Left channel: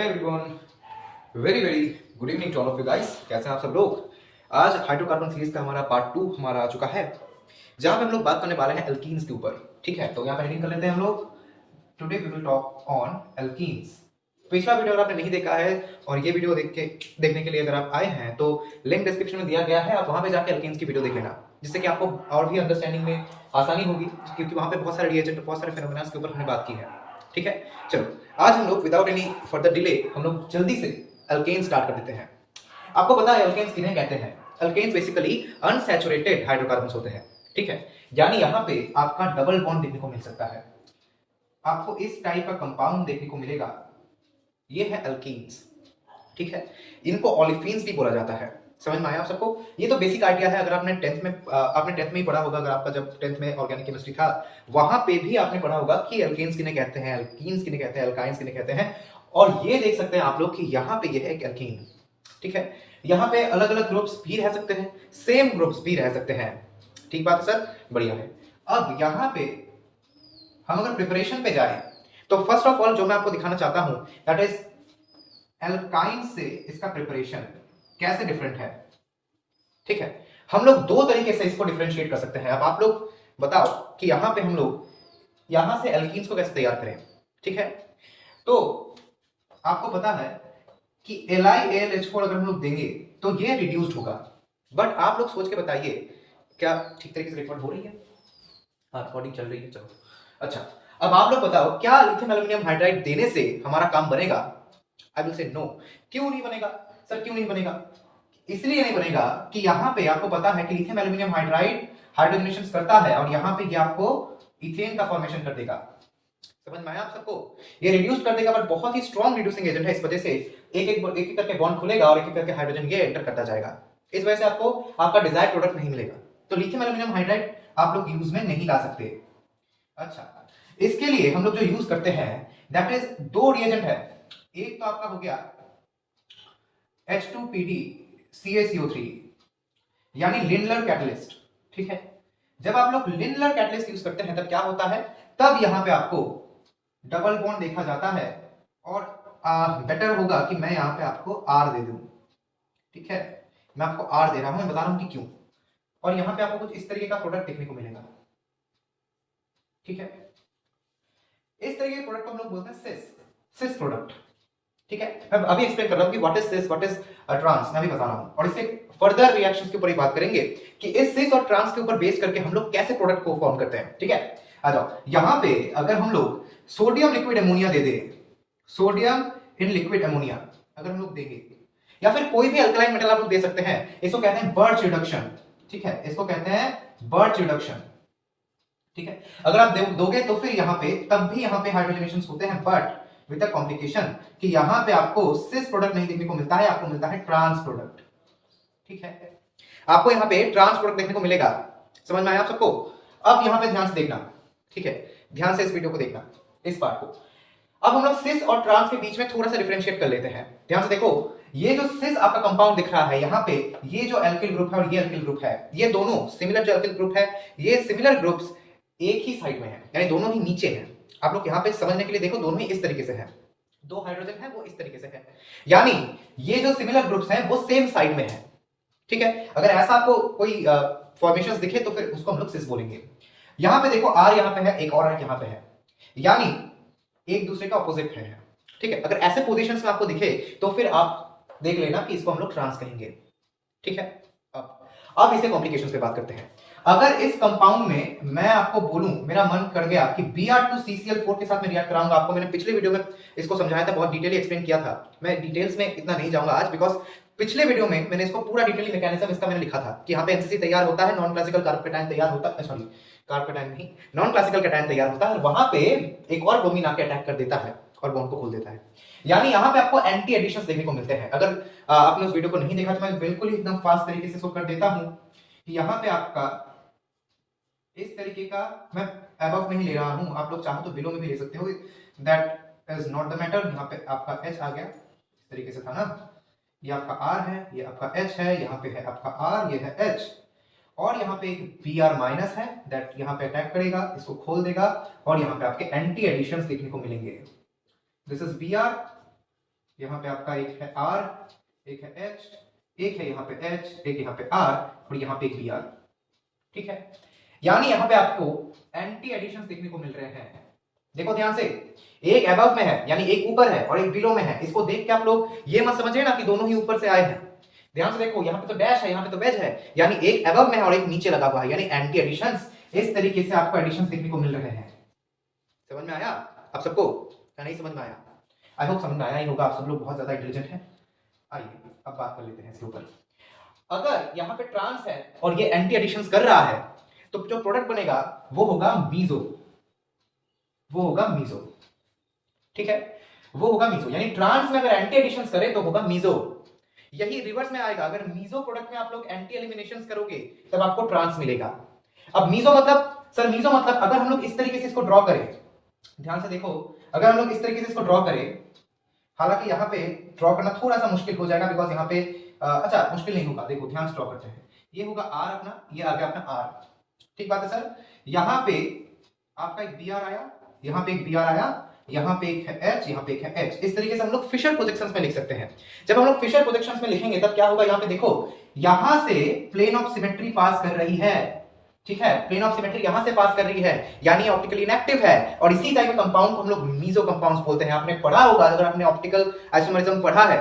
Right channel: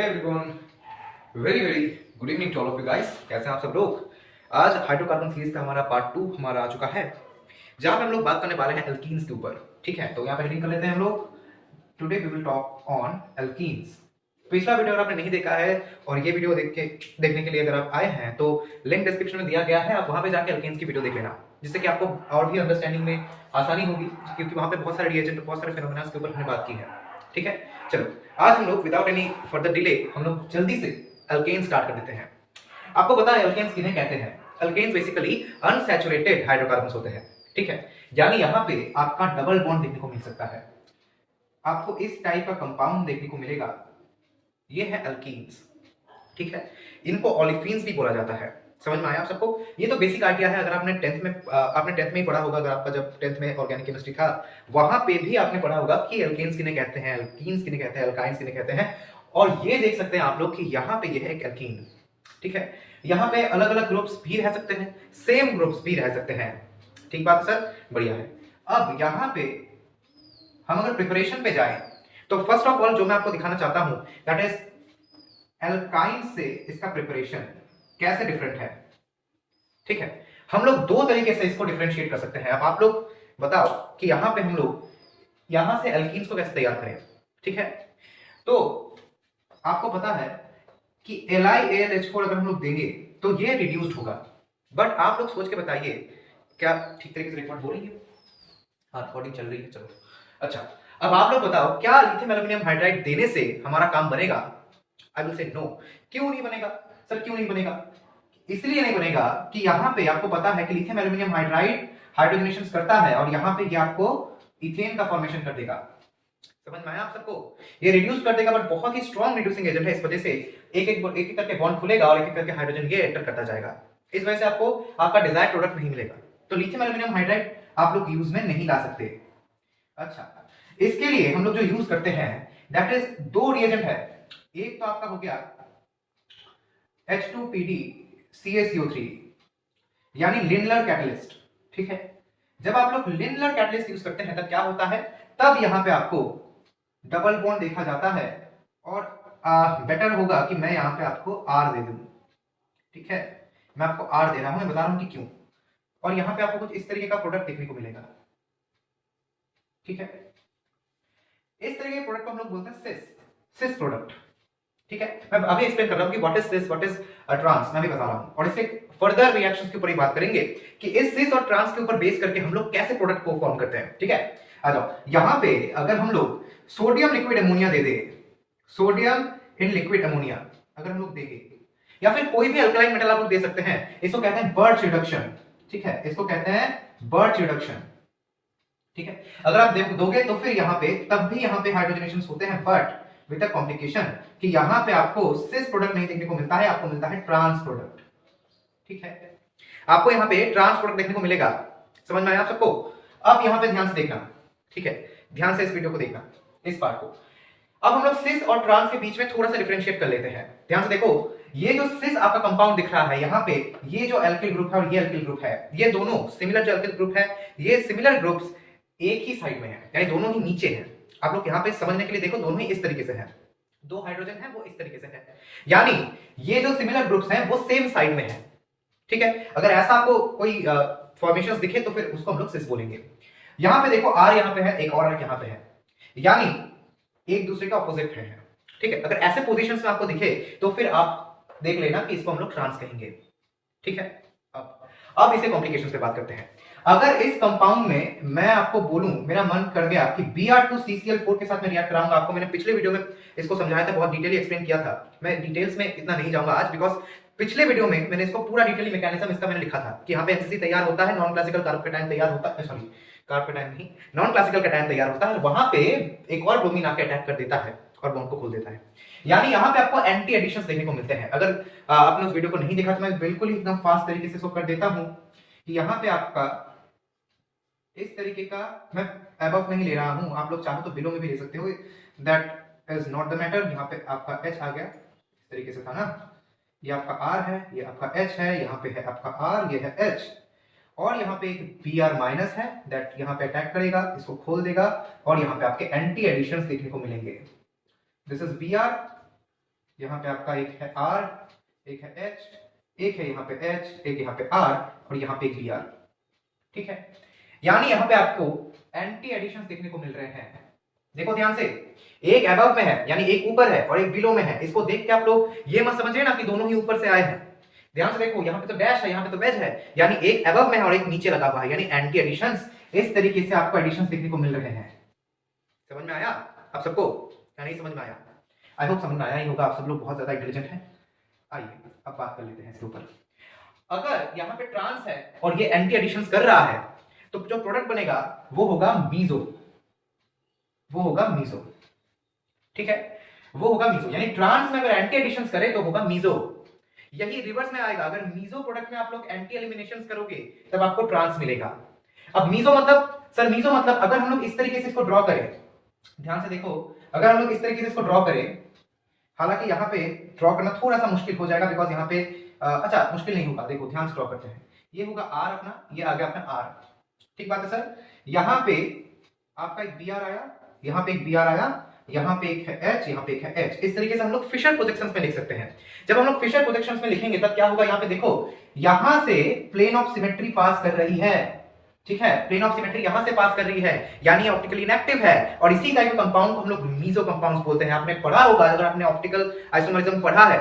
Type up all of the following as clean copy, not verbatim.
Hey everyone, very very good evening to all of you guys. कैसे हैं आप सब लोग। आज हाइड्रोकार्बन सीरीज का हमारा पार्ट 2 हमारा आ चुका है, जहां पे हम लोग बात करने वाले हैं एल्कीन्स के ऊपर। ठीक है, तो यहाँ पे हेडिंग कर लेते हैं हम लोग। Today we will talk on alkenes. पिछला वीडियो अगर आपने नहीं देखा है और ये वीडियो देखने के लिए अगर आप आए हैं तो लिंक डिस्क्रिप्शन में दिया गया है, आप वहां पे जाके एल्कीन्स की वीडियो देख लेना, जिससे कि आपको और भी अंडरस्टैंडिंग में आसानी होगी, क्योंकि वहां पे बहुत सारे रिएजेंट, बहुत सारे फेनोमेना के ऊपर हमने बात की है। ठीक है, चलो आज हम लोग विदाउट एनी फर्दर डिले हम लोग जल्दी से अल्केन स्टार्ट कर देते हैं। आपको पता है अल्केन्स किन्हें कहते हैं? अल्केन्स बेसिकली अनसैचुरेटेड हाइड्रोकार्बन्स होते हैं। ठीक है, यानी यहाँ पे आपका डबल बॉन्ड देखने को मिल सकता है, आपको इस टाइप का कंपाउंड देखने को मिलेगा। ये है अल्कीन्स। ठीक है, इनको ओलिफिन्स भी बोला जाता है। समझ में आया आप सबको? ये तो बेसिक आइडिया है। अगर आपने टेंथ में ही पढ़ा होगा, अगर आपका जब टेंथ में ऑर्गेनिक केमिस्ट्री था वहां पे भी आपने पढ़ा होगा कि एल्केन्स किन्हें कहते हैं, अल्कीन्स किन्हें कहते हैं, अल्काइंस किन्हें कहते हैं। और ये देख सकते हैं आप लोग कि यहाँ पे ये है एक एल्कीन। ठीक है, यहाँ पे अलग अलग ग्रुप्स भी रह सकते हैं, सेम ग्रुप्स भी रह सकते हैं। ठीक बात है सर, बढ़िया है। अब यहाँ पे हम अगर प्रिपरेशन पे जाए तो फर्स्ट ऑफ ऑल जो मैं आपको दिखाना चाहता हूं दैट इज एल्काइन से इसका प्रिपरेशन कैसे डिफरेंट है। ठीक है, हम लोग दो तरीके से इसको डिफरेंशिएट कर सकते हैं। अब आप लोग बताओ कि यहां पे हम लोग यहां से एल्कीन्स को कैसे तैयार करें। ठीक है, तो आपको पता है कि LiAlH4 अगर हम लोग देंगे तो ये रिड्यूस्ड होगा। बट आप लोग सोच के बताइए, क्या ठीक तरीके से रिकॉर्ड हो रही है? हाँ, रिकॉर्डिंग चल रही है, चलो अच्छा। अब आप लोग बताओ, क्या लिथियम एल्यूमिनियम हाइड्राइड देने से हमारा काम बनेगा? I will say no. क्यों नहीं बनेगा सर, क्यों नहीं बनेगा? इसलिए नहीं बनेगा कि यहाँ पे आपको पता है कि लिथियम एल्यूमिनियम हाइड्राइड हाइड्रोजनेशन करता है और यहाँ पे ये आपको इथेन का फॉर्मेशन कर देगा। समझ में आया आप सबको? ये रिड्यूस कर देगा, बट बहुत ही स्ट्रॉन्ग रिड्यूसिंग एजेंट है। इस वजह से एक एक करके बॉन्ड खुलेगा और एक एक करके हाइड्रोजन ये एंटर करता जाएगा। इस वजह से आपको आपका डिजायर्ड प्रोडक्ट नहीं मिलेगा। तो लिथियम एल्यूमिनियम हाइड्राइड आप लोग यूज में नहीं ला सकते। अच्छा, इसके लिए हम लोग जो यूज करते हैं दैट इज दो रिएजेंट है। एक तो आपका हो गया H2PdCaCO3 यानी लिंडलर कैटलिस्ट। ठीक है, जब आप लोग लिंडलर कैटलिस्ट यूज करते हैं तब क्या होता है, तब यहां पे आपको डबल बॉन्ड देखा जाता है। और बेटर होगा कि मैं यहां पे आपको R दे दूं। ठीक है, मैं आपको R दे रहा हूं, मैं बता रहा हूं कि क्यों। और यहां पे आपको कुछ इस तरीके का प्रोडक्ट देखने को मिलेगा। ठीक है, इस तरीके के प्रोडक्ट को हम लोग बोलते हैं सिस प्रोडक्ट। ठीक है, मैं अभी एक्सप्लेन कर रहा हूं कि what is cis, what is trans, मैं भी बता रहा हूं। और इससे फर्दर रिएक्शंस के ऊपर ही बात करेंगे कि इस सिस और ट्रांस के ऊपर बेस करके हम लोग कैसे प्रोडक्ट को फॉर्म करते हैं। ठीक है, आ जाओ यहां पे अगर हम लोग sodium liquid ammonia they they, sodium in liquid ammonia अगर हम लोग देंगे, या फिर कोई भी अल्कलाइन मेटल आप लोग दे सकते हैं, इसको कहते हैं बर्च रिडक्शन। ठीक है, इसको कहते हैं बर्च रिडक्शन। ठीक है, अगर आप दोगे तो फिर यहाँ पे तब भी यहाँ पे हाइड्रोजनेशन होते हैं, बट विद अ कॉम्प्लिकेशन कि यहाँ पे आपको सिस प्रोडक्ट नहीं देखने को मिलता है, आपको मिलता है ट्रांस प्रोडक्ट। ठीक है, आपको यहाँ पे ट्रांस प्रोडक्ट देखने को मिलेगा। समझ में आया आप सबको? अब यहाँ पे ध्यान से देखना। ठीक है, ध्यान से इस वीडियो को देखना, इस पार्ट को। अब हम लोग सिस और ट्रांस के बीच में थोड़ा सा डिफरेंशिएट कर लेते हैं। ध्यान से देखो, ये जो सिस आपका कंपाउंड दिख रहा है यहाँ पे, ये जो एल्किल ग्रुप है और ये एल्किल ग्रुप है, ये दोनों सिमिलर जो एल्किल ग्रुप है, ये सिमिलर ग्रुप्स एक ही साइड में है, यानी दोनों ही नीचे हैं। आप लोग यहाँ पे समझने के लिए देखो, दोनों ही इस तरीके से हैं, दो हाइड्रोजन है वो इस तरीके से है, यानी ये जो सिमिलर ग्रुप्स हैं वो सेम साइड में है। ठीक है, अगर ऐसा आपको कोई फॉर्मेशंस दिखे तो फिर उसको हम लोग सिस बोलेंगे। यहाँ पे देखो R यहाँ पे है, एक और R यहाँ पे है, यानी एक दूसरे के ऑपोजिट है। ठीक है, अगर ऐसे पोजीशंस में आपको दिखे तो फिर आप देख लेना कि इसको हम लोग ट्रांस कहेंगे। ठीक है, अब इसे कॉम्प्लिकेशंस पे बात करते हैं। अगर इस कंपाउंड में मैं आपको बोलूं, मेरा मन कर गया कि Br2CCl4 के साथ मैं रिएक्ट कराऊंगा, आपको मैंने पिछले वीडियो में इसको समझाया था, बहुत डिटेली एक्सप्लेन किया था। मैं डिटेल्स में इतना नहीं जाऊंगा आज, बिकॉज पिछले वीडियो में मैंने इसको पूरा डिटेली मैकेनिज्म इसका मैंने लिखा था कि यहाँ पे एनसीसी तैयार होता है, नॉन क्लासिकल कार्बोकेटायन तैयार होता है, सॉरी कार्बोकेटायन नहीं, नॉन क्लासिकल कैटायन तैयार होता है, और वहां पे एक और ब्रोमीन आके अटैक कर देता है और बॉन्ड को खोल देता है। यानी यहाँ पे आपको एंटी एडिशंस देखने को मिलते हैं। अगर आपने उस वीडियो को नहीं देखा तो मैं बिल्कुल ही एकदम फास्ट तरीके से इसको कर देता हूं कि यहाँ पे आपका इस तरीके का, मैं अबव नहीं ले रहा हूं, आप लोग चाहो तो बिलो में भी ले सकते हो, that is not the matter. यहाँ पे आपका H आ गया, इस तरीके से था ना, ये आपका R है, ये आपका H है, यहाँ पे है आपका R, ये है H, और यहाँ पे एक Br माइनस है, दैट यहाँ पे अटैक करेगा, इसको खोल देगा, और यहाँ पे आपके एंटी एडिशंस देखने को मिलेंगे। दिस इज Br, यहाँ पे आपका एक है R, एक है H, एक है यहाँ पे H, एक यहाँ पे R और यहाँ पे एक Br। ठीक है, यानी यहाँ पे आपको एंटी एडिशन देखने को मिल रहे हैं। देखो ध्यान से, एक अबव में है यानी एक ऊपर है और एक बिलो में है। इसको देख के आप लोग ये मत समझिए ना कि दोनों ही ऊपर से आए हैं। ध्यान से देखो, यहाँ पे तो डैश है, यहाँ पे तो वेज है, यानी एक अबव में है और एक नीचे लगा हुआ है, यानी एंटी एडिशंस। इस तरीके से आपको एडिशंस देखने को मिल रहे हैं। समझ में आया आप सबको या नहीं समझ में आया? आई होप समझ में आया ही होगा, आप सब लोग बहुत ज्यादा इंटेलिजेंट हैं। आइए अब बात कर लेते हैं इसके ऊपर। अगर यहाँ पे ट्रांस है और ये एंटी एडिशंस कर रहा है तो जो प्रोडक्ट बनेगा वो होगा मीजो, वो होगा मीजो। ठीक है, वो होगा मीजो, यानी ट्रांस में अगर एंटी एडिशंस करे तो होगा मीजो। यही रिवर्स में आएगा, अगर मीजो प्रोडक्ट में आप लोग एंटी एलिमिनेशंस करोगे तब आपको ट्रांस मिलेगा। अब मीजो मतलब, सर मीजो मतलब अगर हम लोग इस तरीके से इसको ड्रॉ करें, ध्यान से देखो, अगर हम लोग इस तरीके से इसको ड्रॉ करें, हालांकि यहाँ पे ड्रॉ करना थोड़ा सा मुश्किल हो जाएगा बिकॉज यहाँ पे अच्छा मुश्किल नहीं होगा। देखो ध्यान से ड्रॉ करते हैं, ये होगा आर अपना, ये आ गया अपना आर। ठीक बात है सर, यहाँ पे आपका एक बी आर आया, यहाँ पे एक बी आर आया, यहाँ पे एक है एच, यहाँ पे एक है एच। इस तरीके से हम लोग फिशर प्रोजेक्शंस में लिख सकते हैं। जब हम लोग फिशर प्रोजेक्शंस में लिखेंगे तब क्या होगा, यहाँ पे देखो, यहां से प्लेन ऑफ सिमेट्री पास कर रही है। ठीक है, प्लेन ऑफ सिमेट्री यहां से पास कर रही है, यानी ऑप्टिकली इनएक्टिव है। और इसी टाइप के कंपाउंड को हम लोग मीजो कंपाउंड्स बोलते हैं। आपने पढ़ा होगा, अगर आपने ऑप्टिकल आइसोमरिज्म पढ़ा है,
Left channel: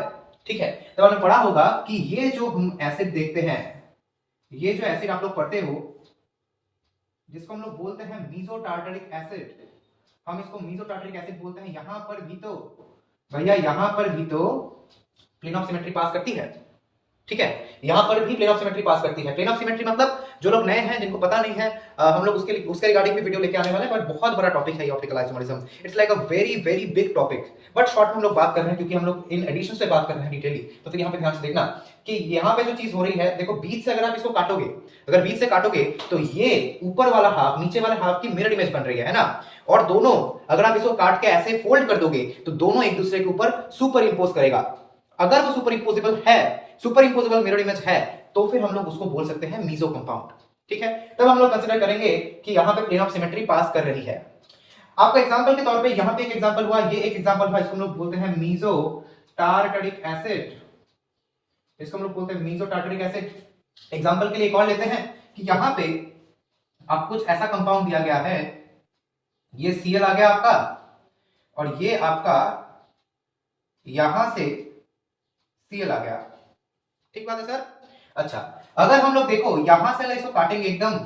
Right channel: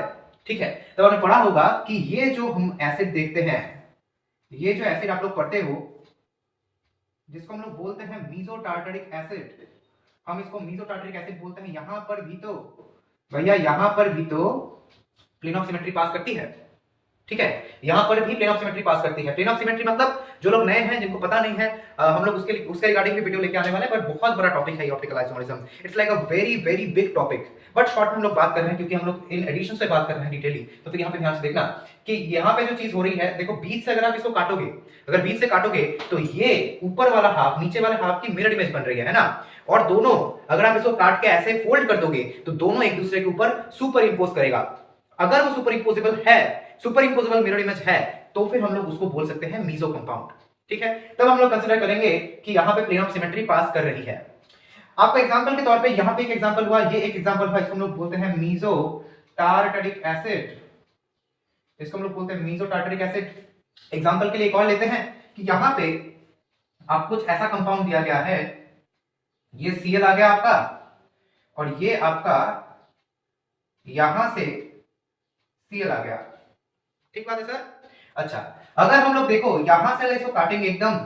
ठीक है, तो आपने पढ़ा होगा कि ये जो हम एसिड देखते हैं, ये जो एसिड आप लोग पढ़ते हो जिसको हम लोग बोलते हैं मीजो टार्टरिक एसिड, हम इसको मीजो टार्टरिक एसिड बोलते हैं। यहां पर भी तो भैया, यहां पर भी तो प्लेन ऑफ सिमेट्री पास करती है। ठीक है, यहां पर भी प्लेन ऑफ सिमेट्री पास करती है। प्लेन ऑफ सिमेट्री मतलब जो लोग नए हैं, जिनको पता नहीं है, हम लोग उसके रिगार्डिंग भी वीडियो लेके आने वाले हैं, बट बहुत बड़ा टॉपिक है optical isomerism. It's like a very very big topic, but short में हम लोग बात कर रहे हैं क्योंकि हम लोग इन एडिशन से बात कर रहे हैं डिटेली। तो फिर यहाँ पे ध्यान से देखना कि यहाँ पे जो चीज हो रही है, देखो बीच से अगर आप इसको काटोगे, अगर बीच से काटोगे तो ये ऊपर वाला हाफ नीचे वाले हाफ की मिरर इमेज बन रही है ना। और दोनों अगर आप इसको काट के ऐसे फोल्ड कर दोगे तो दोनों एक दूसरे के ऊपर सुपर इंपोज करेगा। अगर वो सुपर इंपोजेबल है, सुपर इंपोजेबल मिरर इमेज है, तो फिर हम लोग उसको बोल सकते हैं मीजो कंपाउंड। ठीक है, तब हम लोग कंसीडर करेंगे कि यहाँ पे प्लेन ऑफ सिमेट्री पास कर रही है। आपका एग्जांपल के तौर पे यहाँ पे एक एग्जांपल हुआ, ये एक एग्जांपल हुआ, इसको हम लोग बोलते हैं मीजो टार्टरिक एसिड। इसको हम लोग बोलते हैं मीजो टार्टरिक एसिड। एग्जांपल के लिए एक और लेते हैं कि यहाँ पे आप कुछ ऐसा कंपाउंड दिया गया है, ये Cl आ गया आपका, और ये आपका यहां से Cl आ गया। ठीक बात है सर? अच्छा, अगर हम लोग देखो यहां से अगर इसको काटेंगे, एकदम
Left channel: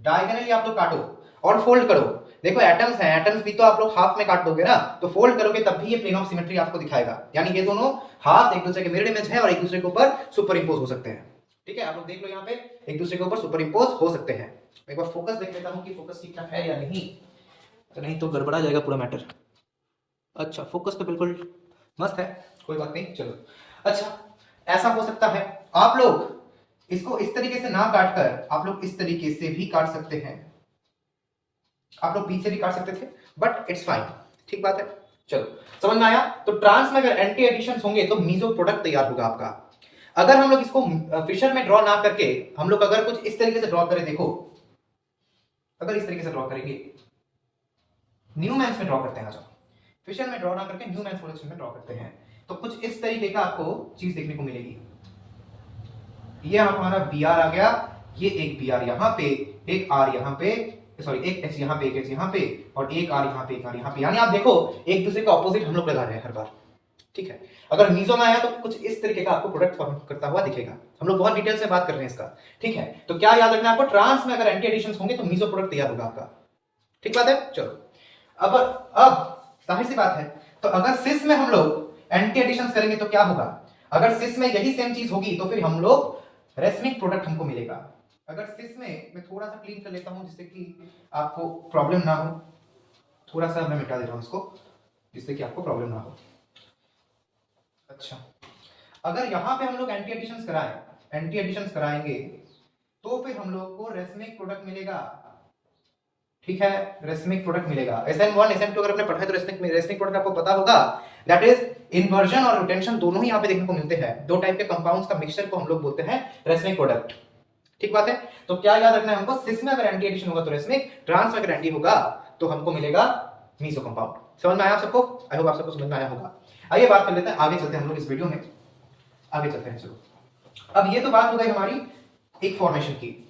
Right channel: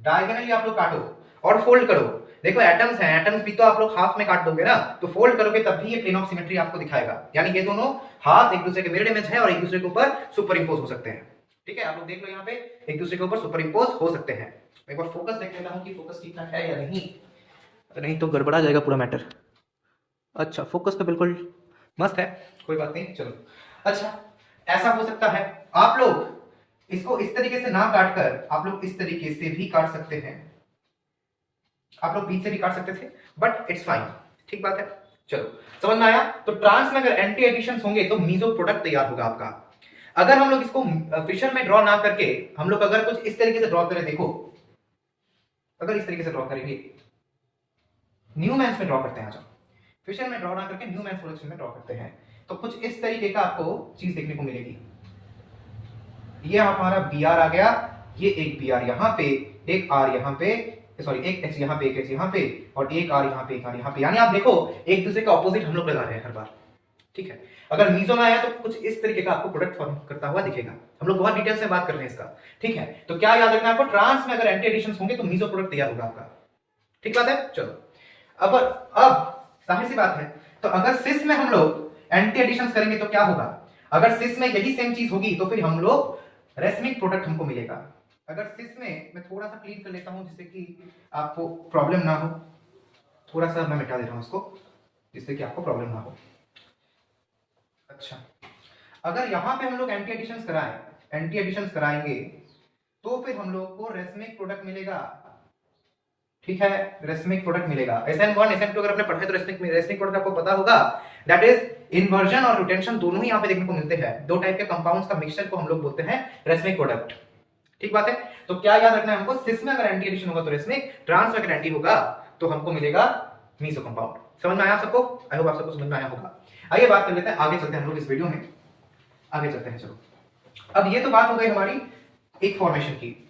डायगोनली आप लोग काटो और फोल्ड करो, देखो एटम्स हैं, एटम्स भी तो आप लोग हाफ में काट दोगे ना, तो फोल्ड करोगे तब भी ये प्लेन ऑफ सिमेट्री आपको दिखाएगा। यानी ये दोनों हाफ एक दूसरे के मिरर इमेज है और एक दूसरे के ऊपर सुपर इंपोज हो सकते हैं। ठीक है, आप लोग देख लो यहाँ पे एक दूसरे के ऊपर सुपर इंपोज हो सकते हैं। एक बार फोकस देख लेता हूँ कि फोकस ठीक ठाक है या नहीं, नहीं तो गड़बड़ा जाएगा पूरा मैटर। अच्छा, फोकस तो बिल्कुल मस्त है, कोई बात नहीं, चलो। अच्छा, ऐसा हो सकता है आप लोग इसको इस तरीके से ना काट कर आप लोग इस तरीके से भी काट सकते हैं, आप लोग बीच से भी काट सकते थे, बट इट्स फाइन। ठीक बात है, चलो समझ में आया। तो ट्रांस में अगर एंटी एडिशंस होंगे तो मीजो प्रोडक्ट तैयार होगा आपका। अगर हम लोग इसको फिशर में ड्रॉ ना करके हम लोग अगर कुछ इस तरीके से ड्रॉ करें, देखो अगर इस तरीके से ड्रॉ करेंगे, न्यूमैन्स में ड्रॉ करते हैं, अच्छा फिशर में ड्रॉ ना करके न्यूमैन्स प्रोडक्शन में ड्रॉ करते हैं, तो कुछ इस तरीके का आपको चीज देखने को मिलेगी। ये हमारा बी आर आ गया, ये एक बी आर यहाँ पे, एक आर यहाँ पे, सॉरी एक एच यहाँ पे, एक एच यहाँ पे, और एक आर यहाँ पे, एक आर यहाँ पे। यानी आप देखो एक दूसरे के ऑपोजिट हम लोग लगा रहे हैं हर बार। ठीक है, अगर मीजो में आया तो कुछ इस तरीके का आपको प्रोडक्ट फॉर्म करता हुआ दिखेगा। हम लोग बहुत डिटेल से बात कर रहे हैं इसका। ठीक है, तो क्या याद रखना है आपको, ट्रांस में अगर एंटी एडिशंस होंगे तो मीजो प्रोडक्ट तैयार होगा आपका। ठीक बात है, चलो। अब जाहिर सी बात है, तो अगर सिस में हम लोग एंटी एडिशंस करेंगे तो क्या होगा, अगर सिस में यही सेम चीज होगी तो फिर हम लोग रेसमिक प्रोडक्ट हमको मिलेगा। अगर सिस में मैं थोड़ा सा क्लीन कर लेता हूं जिससे कि आपको प्रॉब्लम ना हो, थोड़ा सा मैं मिटा दे रहा हूं उसको जिससे कि आपको प्रॉब्लम ना हो। अच्छा, अगर यहां पे हम लोग एंटी एडिशंस कराएंगे तो फिर हम लोग को रेसमिक प्रोडक्ट मिलेगा। ठीक है, रेसमिक प्रोडक्ट मिलेगा। SN1 SN2 अगर आपने पढ़ा है तो रेसमिक प्रोडक्ट आपको पता होगा, दैट इज इन्वर्जन और रोटेशन दोनों ही यहाँ पे देखने को मिलते हैं। दो टाइप के कंपाउंड्स का मिक्सचर को हम लोग बोलते हैं रेसमिक प्रोडक्ट। ठीक बात है, तो क्या याद रखना है हमको, सिस में अगर एंटी एडिशन होगा तो रेसमिक, ट्रांस में अगर एंटी होगा तो हमको मिलेगा मीजो कंपाउंड। समझ में आया आप सबको? आई होप आप सबको समझ में आया होगा। आइए बात कर लेते हैं, आगे चलते हैं हम लोग इस वीडियो में, आगे चलते हैं। चलो, अब ये तो बात हो गई हमारी एक फॉर्मेशन की।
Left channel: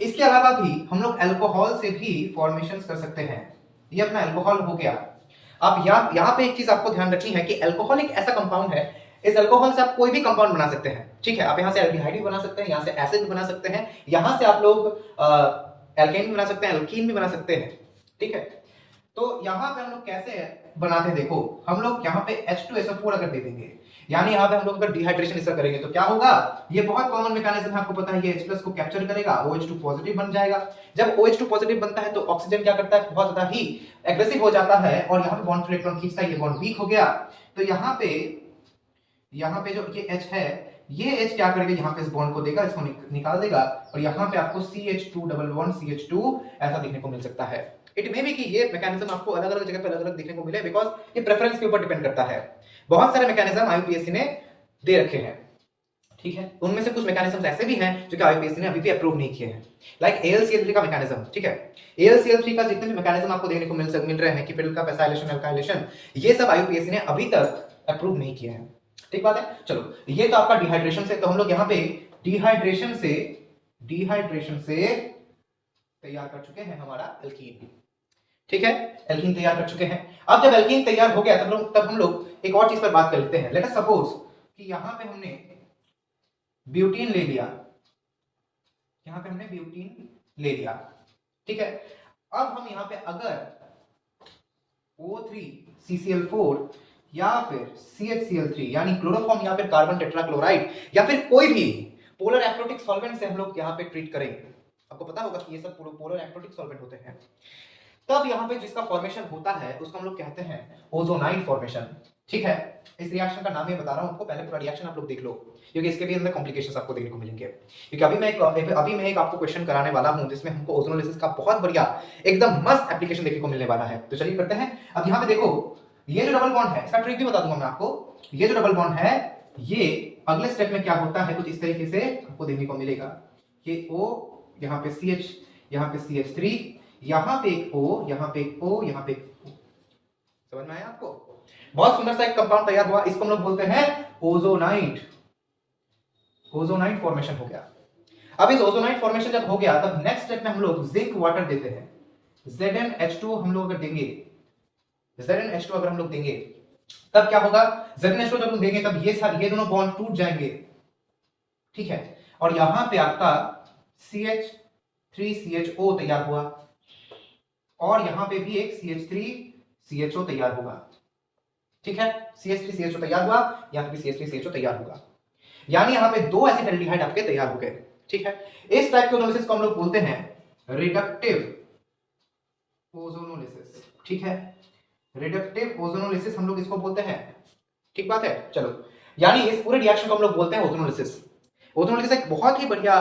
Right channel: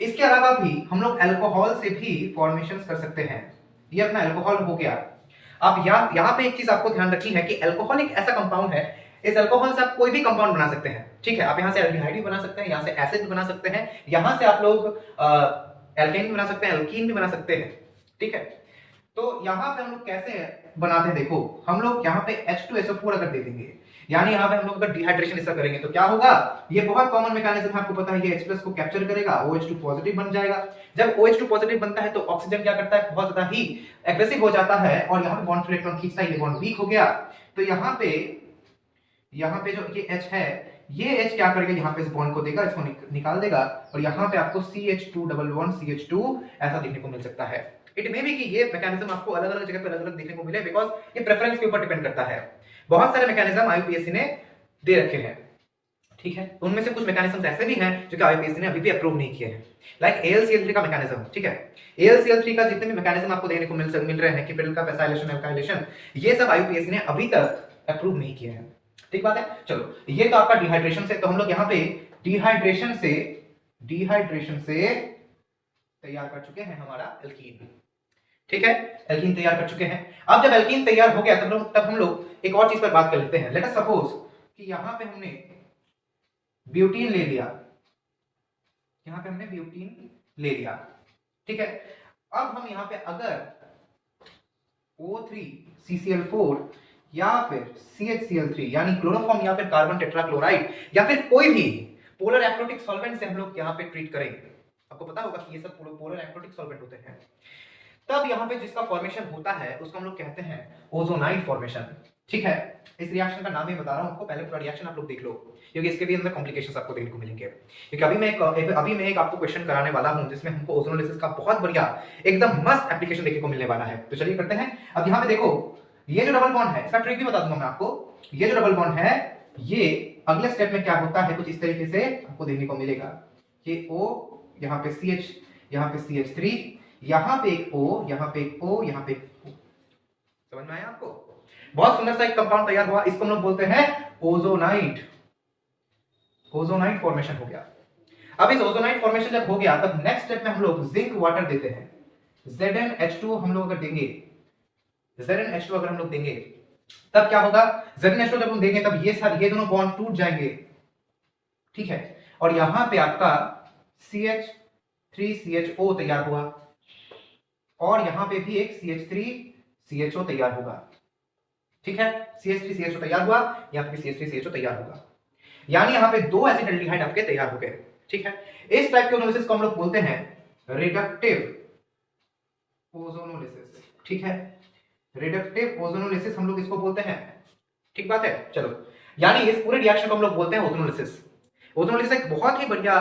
इसके अलावा भी हम लोग अल्कोहल से भी फॉर्मेशंस कर सकते हैं। ये अपना अल्कोहल हो गया। अब यहाँ पे एक चीज आपको ध्यान रखनी है कि अल्कोहल एक ऐसा कंपाउंड है, इस अल्कोहल से आप कोई भी कंपाउंड बना सकते हैं। ठीक है, आप यहाँ से एल्डिहाइड भी बना सकते हैं, यहाँ से एसिड भी बना सकते हैं, यहाँ से आप लोग एल्केन भी बना सकते हैं, एल्कीन भी बना सकते हैं। ठीक है, तो यहाँ पे हम लोग कैसे बनाते हैं, देखो हम लोग यहाँ पे H2SO4 अगर दे देंगे, यानी यहाँ पे हम लोग अगर डिहाइड्रेशन इसका करेंगे तो क्या होगा, ये बहुत कॉमन मैकेनिज्म है, आपको पता है, ये H+ को कैप्चर करेगा, OH2 पॉजिटिव बन जाएगा। जब OH2 पॉजिटिव बनता है तो ऑक्सीजन क्या करता है, बहुत ज्यादा ही एग्रेसिव हो जाता है और यहाँ पे बॉन्ड टू इलेक्ट्रॉन खींचता है, ये बॉन्ड वीक हो गया। तो यहाँ पे जो ये H है, ये H क्या करेगा, यहाँ पे इस बॉन्ड को देगा, इसको निकाल देगा और यहाँ पे आपको CH2 ऐसा देखने को मिल सकता है। इट मे बी कि ये मैकेनिज्म आपको अलग अलग जगह पे अलग अलग देखने को मिले, बिकॉज ये प्रेफरेंस के ऊपर डिपेंड करता है। बहुत सारे मैकेनिज्म IUPAC ने दे रखे हैं। ठीक है, उनमें से कुछ मैकेनिज्म ऐसे भी हैं जो कि IUPAC ने अभी भी अप्रूव नहीं किए हैं, लाइक AlCl3 का मैकेनिज्म। ठीक है, AlCl3 का जितने भी मैकेनिज्म आपको देखने को मिल रहे हैं कि फिर का फैसाइलेशन, एल्काइलेशन, ये सब IUPAC ने अभी तक अप्रूव नहीं किए हैं। ठीक बात है। चलो, ये तो आपका डिहाइड्रेशन से, तो हम लोग यहाँ पे डिहाइड्रेशन से तैयार कर चुके हैं हमारा एल्कीन। ठीक है, एल्कीन तैयार कर चुके हैं। अब जब एल्कीन तैयार हो गया तब हम लोग एक और चीज पर बात कर लेते हैं। लेट अस सपोज कि यहाँ पे हमने ब्यूटीन ले लिया, यहाँ पे हमने ब्यूटीन ले लिया। ठीक है, अब हम यहाँ पे अगर O3CCl4 या फिर CHCl3 यानी क्लोरोफॉर्म या फिर कार्बन टेट्राक्लोराइड या फिर कोई भी पोलर एक्रोटिक सॉल्वेंट से हम लोग यहाँ पे ट्रीट करें, आपको पता होगा कि ये सब पोलर एक्रोटिक सॉल्वेंट होते हैं, तब यहाँ पे जिसका फॉर्मेशन होता है उसको हम लोग कहते हैं ओजोनाइड फॉर्मेशन। ठीक है, इस रिएक्शन का नाम ही बता रहा हूँ आपको, पहले पूरा रिएक्शन आप लोग देख लो, क्योंकि इसके भी अंदर कॉम्प्लिकेशंस आपको देखने को मिलेंगे। क्योंकि अभी मैं एक आपको क्वेश्चन कराने वाला हूँ जिसमें हमको ओजोनोलिसिस का बहुत बढ़िया एकदम मस्त एप्लीकेशन देखने को मिलने वाला है। तो चलिए करते हैं। अब यहाँ पे देखो, ये जो डबल बॉन्ड है, इसका ट्रिक भी बता दूंगा मैं आपको। ये जो डबल बॉन्ड है, ये अगले स्टेप में क्या होता है, कुछ इस तरीके से आपको देखने को मिलेगा। ये O, यहाँ पे CH, यहाँ पे CH3, यहाँ पे एक O, यहाँ पे एक O, यहाँ पे एक O। समझ में आया आपको? बहुत सुंदर सा एक कंपाउंड तैयार हुआ, इसको हम लोग बोलते हैं ओजोनाइड। ओजोनाइड फॉर्मेशन हो गया। अब इस ओजोनाइड फॉर्मेशन जब हो गया, तब नेक्स्ट स्टेप में हम लोग जिंक वाटर देते हैं। ZnH2 हम लोग अगर देंगे, ZnH2 अगर हम लोग देंगे, तब क्या होगा, ZnH2 जब हम देंगे तब ये दोनों बॉन्ड टूट जाएंगे। ठीक है, और यहां पे आपका CH3CHO तैयार हुआ और यहां पे भी एक CH3CHO तैयार होगा। ठीक है, CH3CHO तैयार हुआ, यहां पे CH3CHO तैयार होगा, यानी यहां पे दो एसिटाल्डिहाइड आपके तैयार हो गए। ठीक है, इस टाइप के ओजोनोलिसिस को हम लोग बोलते हैं रिडक्टिव ओजोनोलिसिस। ठीक है, रिडक्टिव ओजोनोलिसिस हम लोग इसको बोलते हैं। ठीक बात है। चलो, यानी इस पूरे रिएक्शन को हम लोग बोलते हैं ओजोनोलिसिस। ओजोनोलिसिस एक बहुत ही बढ़िया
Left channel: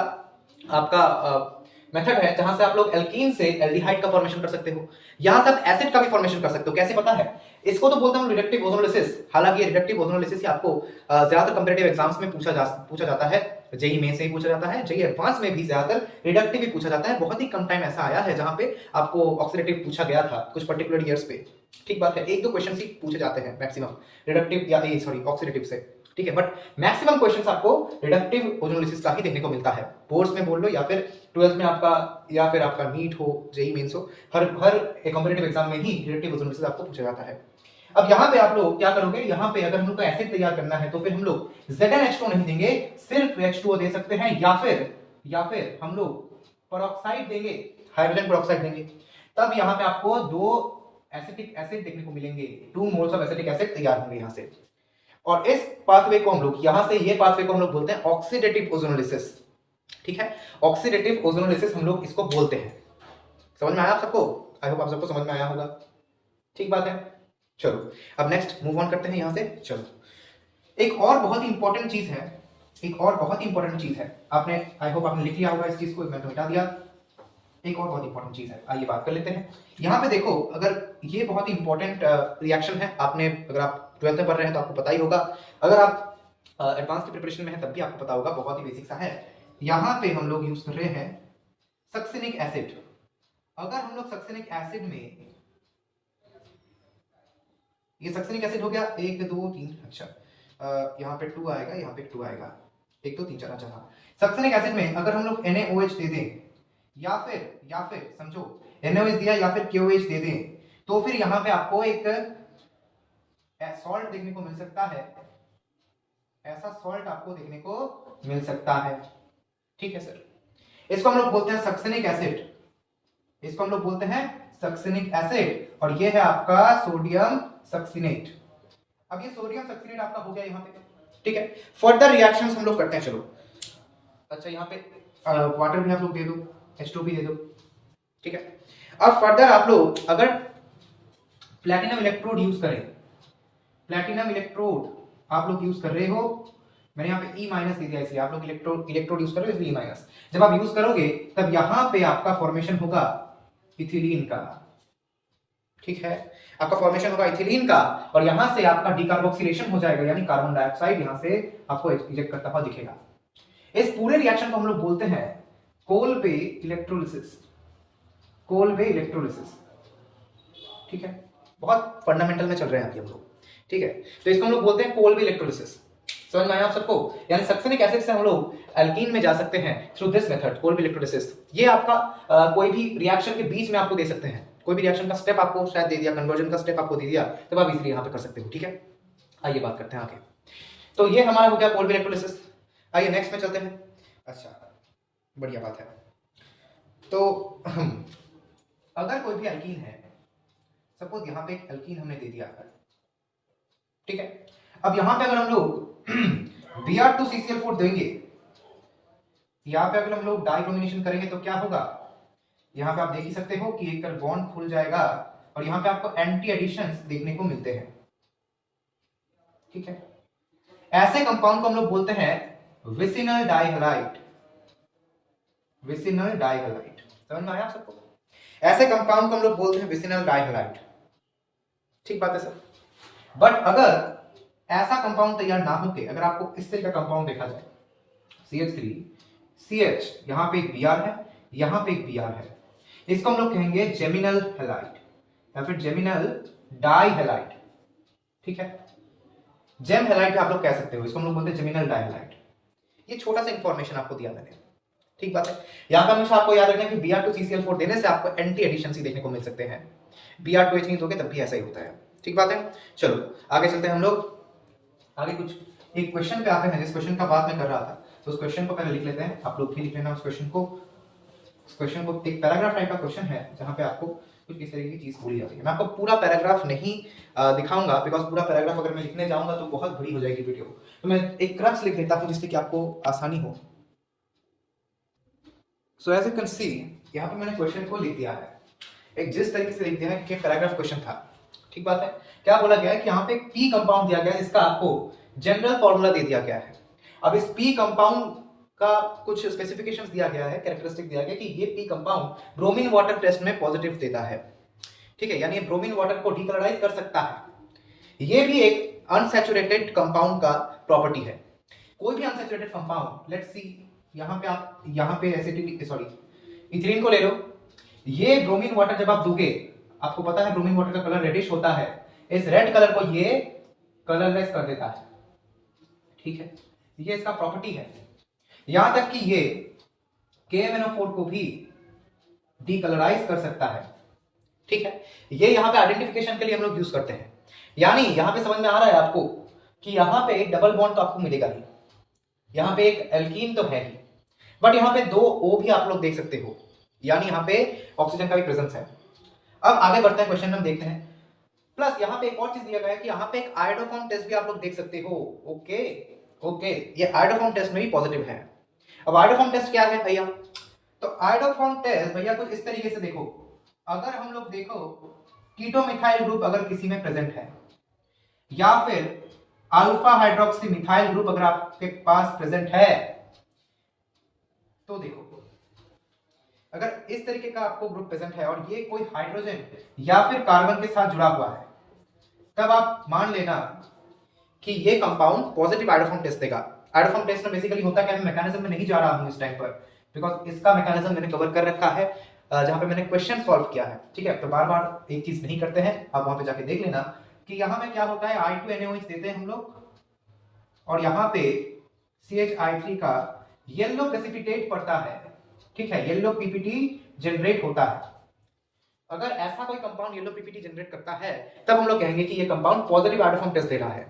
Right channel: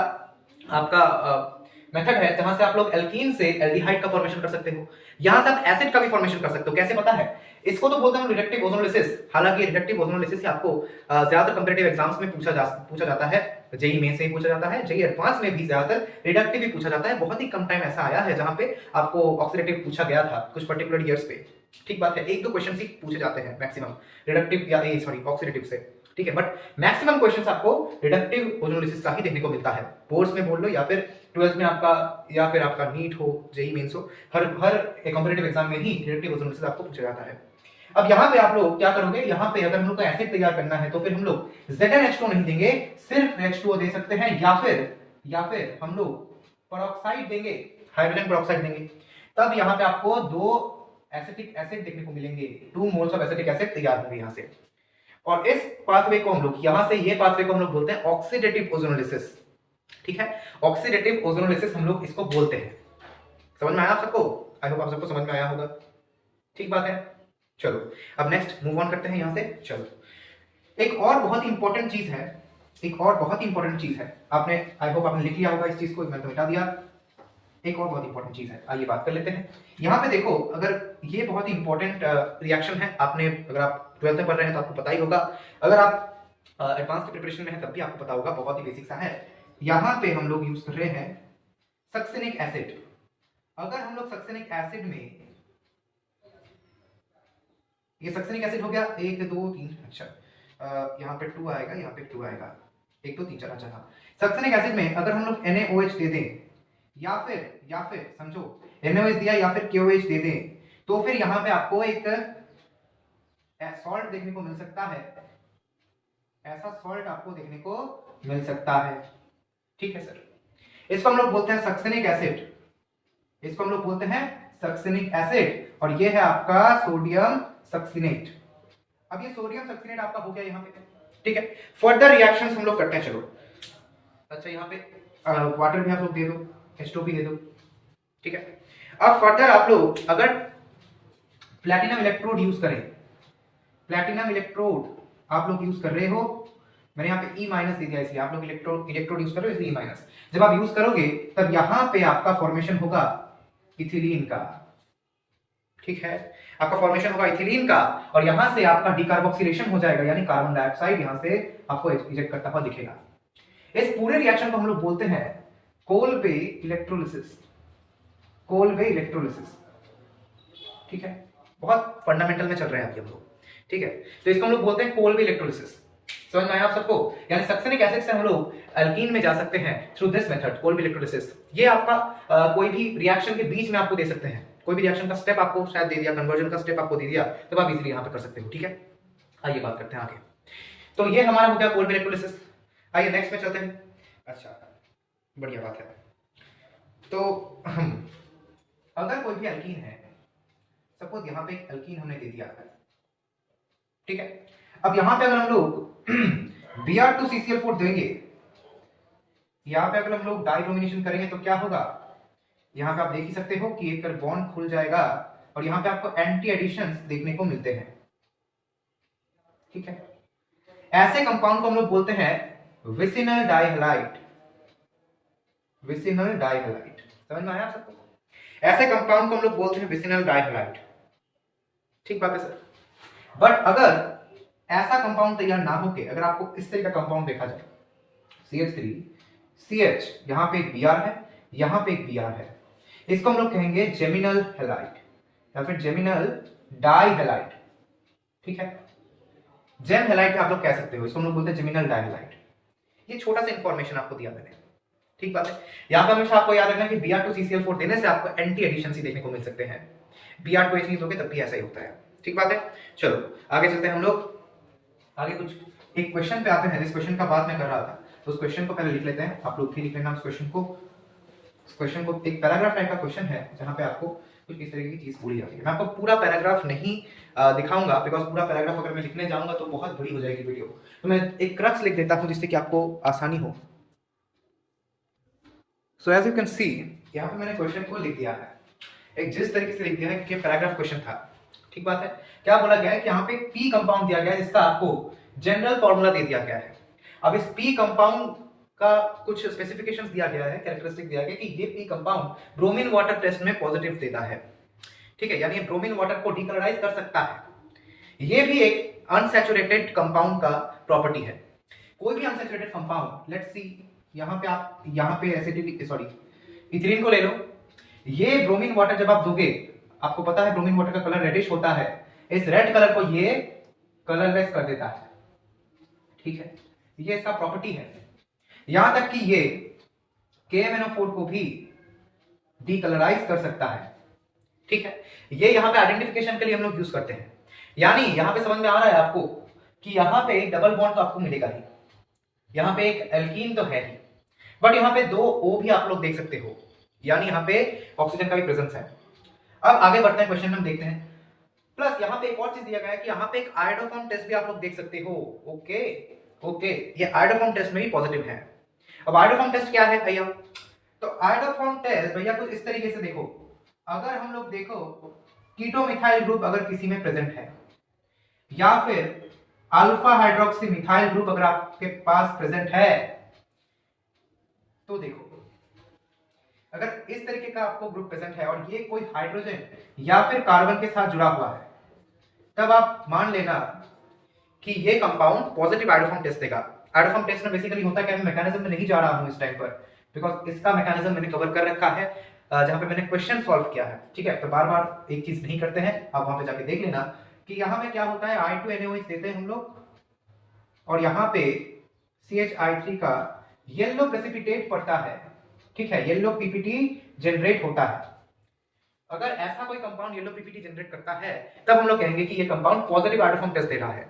आपका मेथड है जहां से आप लोग एल्कीन से एल्डिहाइड का फॉर्मेशन कर सकते हो, यहां तक एसिड का भी फॉर्मेशन कर सकते हो। कैसे पता है? इसको तो बोलते हैं रिडक्टिव ओजोनोलिसिस। हालांकि रिडक्टिव ओजोनोलिसिस आपको ज्यादातर कंपैरेटिव एग्जाम्स में पूछा जाता है, जेईई मेन से ही पूछा जाता है, जेईई एडवांस में भी ज्यादातर रिडक्टिव ही पूछा जाता है। बहुत ही कम टाइम ऐसा आया है जहां पे आपको ऑक्सीडेटिव पूछा गया था, कुछ पर्टिकुलर ईयर्स पे। ठीक बात है, एक दो क्वेश्चन ही पूछे जाते हैं मैक्सिमम रिडक्टिव या ऑक्सीडेटिव से। ठीक है, बट मैक्सिमम क्वेश्चंस आपको रिडक्टिव ओजोनोलिसिस का ही देखने को मिलता है। बोर्ड्स में बोल लो या फिर 12th में आपका या फिर आपका नीट हो, जेईई मेंस हो, हर कंपैरेटिव एग्जाम में ही रिडक्टिव ओजोनोलिसिस आपको पूछा जाता है। अब यहाँ पे आप लोग क्या करोगे, यहाँ पे अगर हम लोग को एसिड तैयार करना है तो फिर हम लोग ZnH2 नहीं देंगे, सिर्फ H2O दे सकते हैं, या फिर हम लोग पेरोक्साइड देंगे, हाइड्रोजन पेरोक्साइड देंगे। तब यहाँ पे आपको दो एसिटिक एसिड देखने को मिलेंगे, 2 मोल्स ऑफ एसिटिक एसिड तैयार होंगे यहाँ से। और इस पाथवे को हम लोग यहाँ से ये पाथवे को हम लोग बोलते हैं ऑक्सीडेटिव ओजोनोलिसिस। ठीक है, ऑक्सीडेटिव ओजोनोलिसिस हम लोग इसको बोलते हैं। समझ में आया आप सबको? आई होप आप सबको समझ में आया होगा। ठीक बात है। चलो, अब नेक्स्ट मूव ऑन करते हैं यहाँ से। चलो, एक और बहुत ही इंपॉर्टेंट चीज है, आपने आई होप आपने लिख लिया होगा इस चीज को, मैं तो मिटा दिया। एक और बहुत इंपॉर्टेंट चीज है, आइए बात कर लेते हैं। यहाँ पे देखो, अगर ये बहुत ही इंपॉर्टेंट रिएक्शन है, अगर आप 12th में पढ़ रहे हैं तो आपको पता ही होगा, अगर आप एडवांस की प्रिपरेशन में है तब भी आपको पता होगा, बहुत ही बेसिक सा है। यहाँ पे हम लोग यूज कर रहे हैं सक्सिनिक एसिड। अगर हम लोग सक्सिनिक एसिड में ये सक्सेनिक एसिड हो गया, 1 2 3, अच्छा यहाँ पे 2 आएगा, यहाँ पे 2 आएगा, 1 2 3 4, अच्छा हाँ। सक्सेनिक एसिड में अगर हम लोग NaOH दे दें या फिर समझो NaOH दिया या फिर KOH दे दें, तो फिर यहाँ पे आपको एक सॉल्ट देखने को मिल सकता है, ऐसा सॉल्ट आपको देखने को मिल सकता है। ठीक है सर, इसको हम लोग बोलते हैं सक्सेनिक एसिड, इसको हम लोग बोलते हैं सक्सेनिक एसिड, और ये है आपका सोडियम सक्सिनेट। अब ये सोडियम सक्सिनेट आपका हो गया यहाँ पे, ठीक है। फर्दर रिएक्शंस हम लोग करते हैं, चलो। अच्छा यहाँ पे वाटर भी आप लोग दे दो, H2 भी दे दो, ठीक है। अब फर्दर आप लोग अगर प्लैटिनम इलेक्ट्रोड यूज करें, प्लैटिनम इलेक्ट्रोड आप लोग यूज कर रहे हो, मैंने यहाँ पे E माइनस दे दिया इसलिए आप लोग इलेक्ट्रोड यूज कर रहे हो इसलिए E माइनस। जब आप यूज करोगे तब यहाँ पे आपका फॉर्मेशन होगा इथिलीन का, ठीक है, आपका फॉर्मेशन होगा इथिलीन का, और यहां से आपका डिकार्बोक्सिलेशन हो जाएगा, यानी कार्बन डाइऑक्साइड यहां से आपको इजेक्ट करता हुआ दिखेगा। इस पूरे रिएक्शन को हम लोग बोलते हैं कोलबे इलेक्ट्रोलिसिस, कोलबे इलेक्ट्रोलिसिस, ठीक है। बहुत फंडामेंटल में चल रहे हैं अभी हम लोग, ठीक है। तो इसको हम लोग बोलते हैं कोलबे इलेक्ट्रोलिसिस। समझ में आया आप सबको? यानी सक्सेनिक एसिड से हम लोग अल्कीन में जा सकते हैं through this method, Kolbe electrolysis. ये आपका कोई भी रिएक्शन के बीच में आपको दे सकते हैं, कोई भी रिएक्शन का स्टेप आपको शायद दे दिया, कन्वर्जन का स्टेप आपको दे दिया, तब आप इजीली यहां पे कर सकते हो, ठीक है। आइए बात करते हैं आगे। तो ये हमारा हो गया कोलबे इलेक्ट्रोलिसिस। आइए नेक्स्ट में चलते हैं। अच्छा, बढ़िया बात है। तो अगर कोई भी अल्कीन है, सपोज यहां पे एक अल्कीन हमने दे दिया है, ठीक है। अब यहां पे अगर हम लोग Br2CCl4 देंगे, यहां पे अगर हम लोग डाइब्रोमिनेशन करेंगे तो क्या होगा, यहां पे आप देख ही सकते हो कि एक बॉन्ड खुल जाएगा और यहां पे आपको एंटी एडिशंस देखने को मिलते हैं, ठीक है। ऐसे कंपाउंड को हम लोग बोलते हैं विसिनल डाइहैलाइड, विसिनल डाइहैलाइड। समझ में आया आप सबको? ऐसे कंपाउंड को हम लोग बोलते हैं विसिनल डाइहैलाइड, ठीक बात है सर। बट अगर ऐसा कंपाउंड तैयार ना होके अगर आपको इस तरह का कंपाउंड देखा जाए, CH3CH, यहां पे एक Br है, यहां पे एक Br है, इसको हम लोग कहेंगे जेमिनल हैलाइड या फिर जेमिनल डाइहैलाइड, ठीक है। जेम हैलाइड आप लोग कह सकते हो, इसको हम लोग बोलते हैं जेमिनल डाइहैलाइड। ये छोटा सा इंफॉर्मेशन आपको दिया मैंने, ठीक बात है। यहां पर हमेशा आपको याद रखना कि Br2CCl4 देने से आपको एंटी एडिशंस ही देखने को मिल सकते हैं, Br2H नहीं दोगे तब भी ऐसा ही होता है, ठीक बात है। चलो आगे चलते हैं हम लोग, आगे कुछ एक क्वेश्चन पे आते हैं। इस क्वेश्चन का बात मैं कर रहा था, तो उस क्वेश्चन को पहले लिख लेते हैं, आप लोग भी लिख लेना उस क्वेश्चन को। इस क्वेश्चन को एक पैराग्राफ टाइप का क्वेश्चन है जहां पे आपको कुछ इस तरह की चीज पूरी जाती है। मैं आपको पूरा पैराग्राफ नहीं दिखाऊंगा, बिकॉज पूरा पैराग्राफ अगर मैं लिखने जाऊंगा तो बहुत बड़ी हो जाएगी वीडियो, तो मैं एक क्रक्स लिख देता हूं जिससे कि आपको आसानी हो। So as you can see, यहाँ पे मैंने क्वेश्चन को लिख दिया है, एक जिस तरीके से लिख दिया है कि पैराग्राफ क्वेश्चन था, ठीक बात है। क्या बोला गया है कि यहाँ पे पी कंपाउंड दिया गया है जिसका आपको जनरल फॉर्मूला दे दिया गया है। अब इस पी कंपाउंड का कुछ स्पेसिफिकेशंस दिया गया है, कैरेक्टरिस्टिक दिया गया है कि ये P compound bromine water test में पॉजिटिव देता है, ठीक है, यानी ब्रोमीन वाटर को डीकलराइज कर सकता है। ये भी एक अनसैचुरेटेड कंपाउंड का प्रॉपर्टी है। कोई भी अनसैचुरेटेड कंपाउंड, लेट्स सी यहाँ पे आप यहाँ पे एसिडिटी सॉरी इथिलीन को ले लो, ये ब्रोमीन वाटर जब आप दोगे, आपको पता है ब्रोमीन वाटर का कलर रेडिश होता है, इस रेड कलर को ये कलरलेस कर देता है, ठीक है, ये इसका प्रॉपर्टी है। यहां तक कि ये KMnO4 को भी डीकलराइज कर सकता है, ठीक है। ये यहां पे आइडेंटिफिकेशन के लिए हम लोग यूज करते हैं, यानी यहां पे समझ में आ रहा है आपको कि यहां पे एक डबल बॉन्ड तो आपको मिलेगा ही, यहां पे एक एल्कीन तो है ही, बट यहां पे 2 O भी आप लोग देख सकते हो, यानी यहां पे ऑक्सीजन का भी प्रेजेंस है। अब आगे बढ़ते हैं, क्वेश्चन में देखते हैं। प्लस यहाँ पे एक और चीज दिया गया है कि यहाँ पे एक आयोडोफॉर्म टेस्ट भी आप लोग देख सकते हो, ओके, ये आयोडोफॉर्म टेस्ट में भी पॉजिटिव है। अब आयोडोफॉर्म टेस्ट क्या है भैया, तो आयोडोफॉर्म टेस्ट भैया कुछ इस तरीके से देखो, अगर हम लोग देखो कीटो मिथाइल ग्रुप अगर किसी में प्रेजेंट है, या फिर अल्फा हाइड्रोक्सी मिथाइल ग्रुप अगर आपके पास प्रेजेंट है, तो देखो अगर इस तरीके का आपको ग्रुप प्रेजेंट है और ये कोई हाइड्रोजन या फिर कार्बन के साथ जुड़ा हुआ है, तब आप मान लेना कि ये कंपाउंड पॉजिटिव आयोडोफॉर्म टेस्ट देगा। आयोडोफॉर्म टेस्ट में बेसिकली होता है कि मैं मैकेनिज्म में नहीं जा रहा हूं इस टाइम पर, बिकॉज इसका मैकेनिज्म मैंने कवर कर रखा है जहां पे मैंने क्वेश्चन सॉल्व किया है, ठीक है। तो बार बार एक चीज नहीं करते हैं, आप वहां पे जाके देख लेना कि यहाँ पे क्या होता है, I2NaOH देते हैं हम लोग और यहाँ पे CH3 का येलो प्रेसिपिटेट पड़ता है, ठीक है, येलो पीपीटी जनरेट होता है। अगर ऐसा कोई कंपाउंड येलो पीपीटी जनरेट करता है तब हम लोग कहेंगे कि ये कंपाउंड पॉजिटिव आइडोफॉर्म टेस्ट दे रहा है।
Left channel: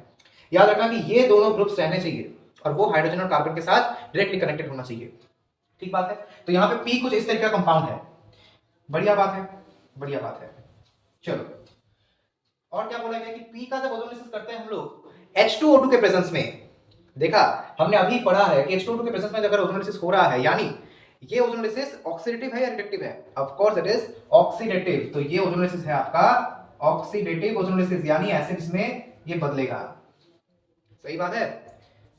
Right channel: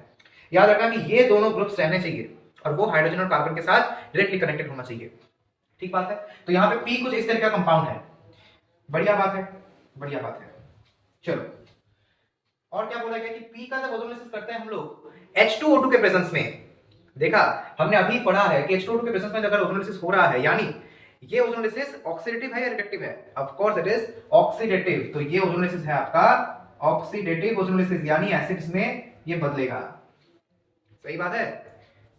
याद रखना कि ये दोनों ग्रुप्स रहने चाहिए और वो हाइड्रोजन और कार्बन के साथ डायरेक्टली कनेक्टेड होना चाहिए, ठीक बात है। तो यहाँ पे पी कुछ इस तरह का कंपाउंड है, बढ़िया बात है, बढ़िया बात है। चलो और क्या बोला गया कि पी का जब ओजोनोलिसिस करते हैं हम लोग H2O2 के प्रेजेंस में, देखा हमने अभी पढ़ा है कि H2O2 के प्रेजेंस में अगर ओजोनोलिसिस हो रहा है, यानी ये ओजोनोलिसिस ऑक्सीडेटिव है या रिडक्टिव है? Of course it is oxidative. तो ये ओजोनोलिसिस है आपका ऑक्सीडेटिव ओजोनोलिसिस, यानी एसिड्स में ये बदलेगा। सही बात है?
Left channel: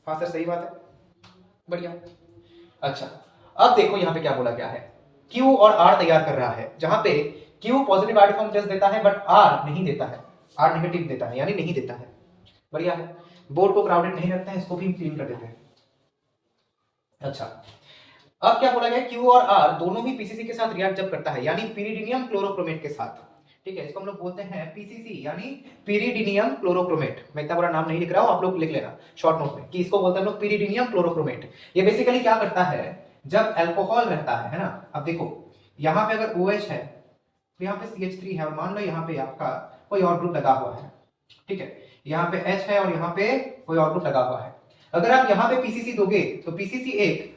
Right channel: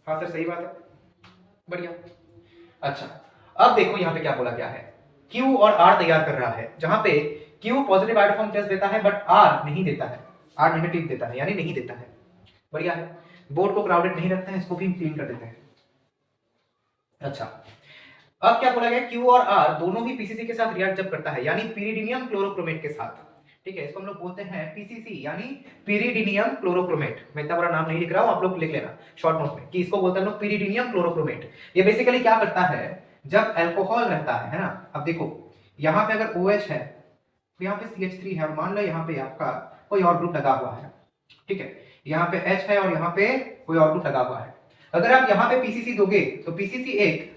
हाँ सर सही बात है, बढ़िया। अच्छा अब देखो यहाँ पे क्या बोला गया है, Q और R तैयार कर रहा है, जहां पे Q पॉजिटिव आइडोफॉर्म टेस्ट देता है बट R नहीं देता है, R नेगेटिव देता है, यानी नहीं देता है। बढ़िया है, बोर्ड को क्राउडेड नहीं रखते हैं, इसको भी क्लीन कर देते हैं। अच्छा अब क्या बोला गया, Q और R दोनों ही पीसीसी के साथ रिएक्ट जब करता है, यानी pyridinium क्लोरोक्रोमेट के साथ, ठीक है, इसको हम लोग बोलते हैं पीसीसी यानी pyridinium क्लोरोक्रोमेट। मैं इतना बड़ा नाम नहीं लिख रहा हूं, आप लोग लिख लेना शॉर्ट नोट में कि इसको बोलते हैं लोग pyridinium क्लोरोक्रोमेट। ये बेसिकली क्या करता है, जब अल्कोहल रहता है ना, अब देखो यहाँ पे अगर OH है तो यहाँ पे CH3 है और मान लो यहाँ पे आपका कोई और ग्रुप लगा हुआ है, ठीक है, यहाँ पे H है और यहाँ पे कोई और ग्रुप लगा हुआ है। अगर आप यहाँ पे पीसीसी दोगे तो पीसीसी एक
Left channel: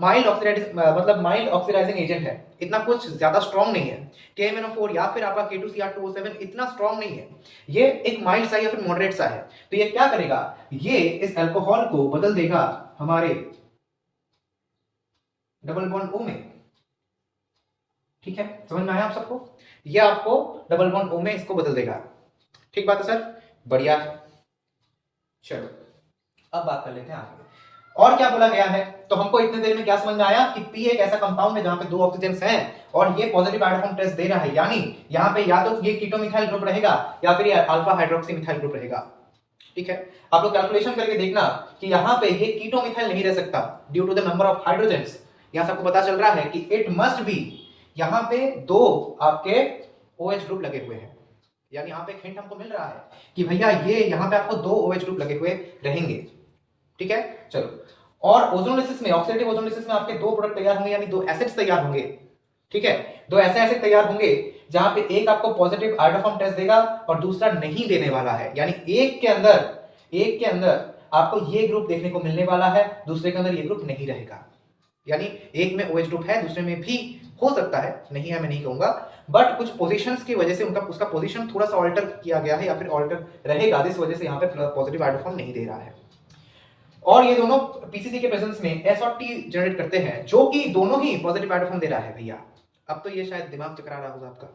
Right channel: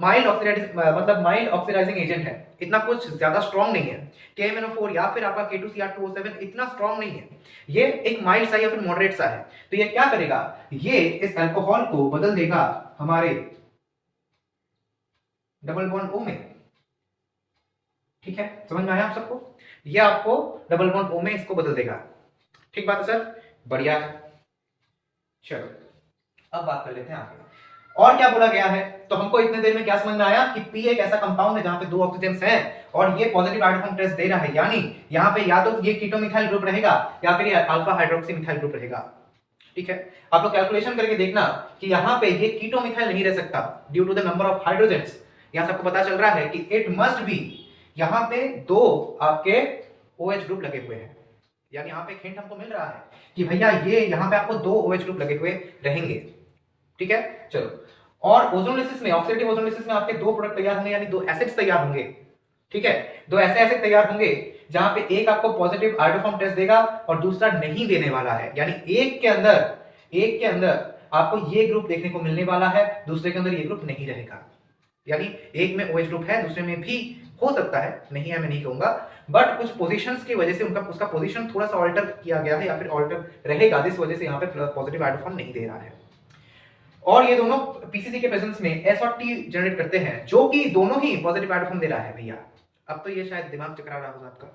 माइल्ड ऑक्सीडाइजिंग मतलब माइल्ड ऑक्सीडाइजिंग एजेंट है, इतना कुछ ज्यादा स्ट्रॉन्ग नहीं है। KMnO4 या फिर आपका K2Cr2O7 इतना स्ट्रॉन्ग नहीं है, ये एक माइल्ड सा या फिर मॉडरेट सा है। तो ये क्या करेगा, ये इस अल्कोहल को बदल देगा हमारे डबल बॉन्ड O में, ठीक है, समझ में आया आप सबको? ये आपको डबल बॉन्ड O में इसको बदल देगा, ठीक बात है सर, बढ़िया है। चलो अब बात कर लेते हैं आगे, और क्या बोला गया है। तो हमको इतने देर में क्या समझ में आया कि P एक ऐसा कंपाउंड है जहां पे 2 ऑक्सीजन हैं और ये पॉजिटिव आइडोफॉर्म टेस्ट दे रहा है, यानी यहाँ पे या तो ये कीटोमिथाइल ग्रुप रहेगा या फिर ये अल्फा हाइड्रोक्सी मिथाइल ग्रुप रहेगा, ठीक है। आप लोग कैलकुलेशन करके देखना कि यहाँ पे ये कीटोमिथाइल नहीं रह सकता due to the number of hydrogens. यहाँ सबको पता चल रहा है कि इट मस्ट बी, यहाँ पे 2 आपके OH ग्रुप लगे हुए हैं, यानी यहाँ पे एक हिंट हमको मिल रहा है कि भैया ये यहाँ पे आपको 2 OH ग्रुप लगे हुए रहेंगे, ठीक है। चलो और ओजोनोलिसिस में, ऑक्सीडेटिव ओजोनोलिसिस में आपके 2 प्रोडक्ट तैयार होंगे, यानी 2 एसिड्स तैयार होंगे, ठीक है। 2 ऐसे एसिड तैयार होंगे जहां पे एक आपको पॉजिटिव आइडोफॉर्म टेस्ट देगा और दूसरा नहीं देने वाला है, यानी एक के अंदर आपको ये ग्रुप देखने को मिलने वाला है, दूसरे के अंदर ये ग्रुप नहीं रहेगा। यानी एक में OH ग्रुप है, दूसरे में भी हो सकता है, नहीं है मैं नहीं कहूंगा, बट कुछ पोजीशंस की वजह से उसका पोजीशन थोड़ा सा ऑल्टर किया गया है या फिर ऑल्टर रहेगा, जिस वजह से यहाँ पे पॉजिटिव आइडोफॉर्म नहीं दे रहा है। और ये दोनों पीसीसी के प्रेजेंस में S और T जनरेट करते हैं, जो कि दोनों ही पॉजिटिव आइडोफॉर्म दे रहा है भैया। अब तो ये शायद दिमाग चकरा रहा होगा आपका,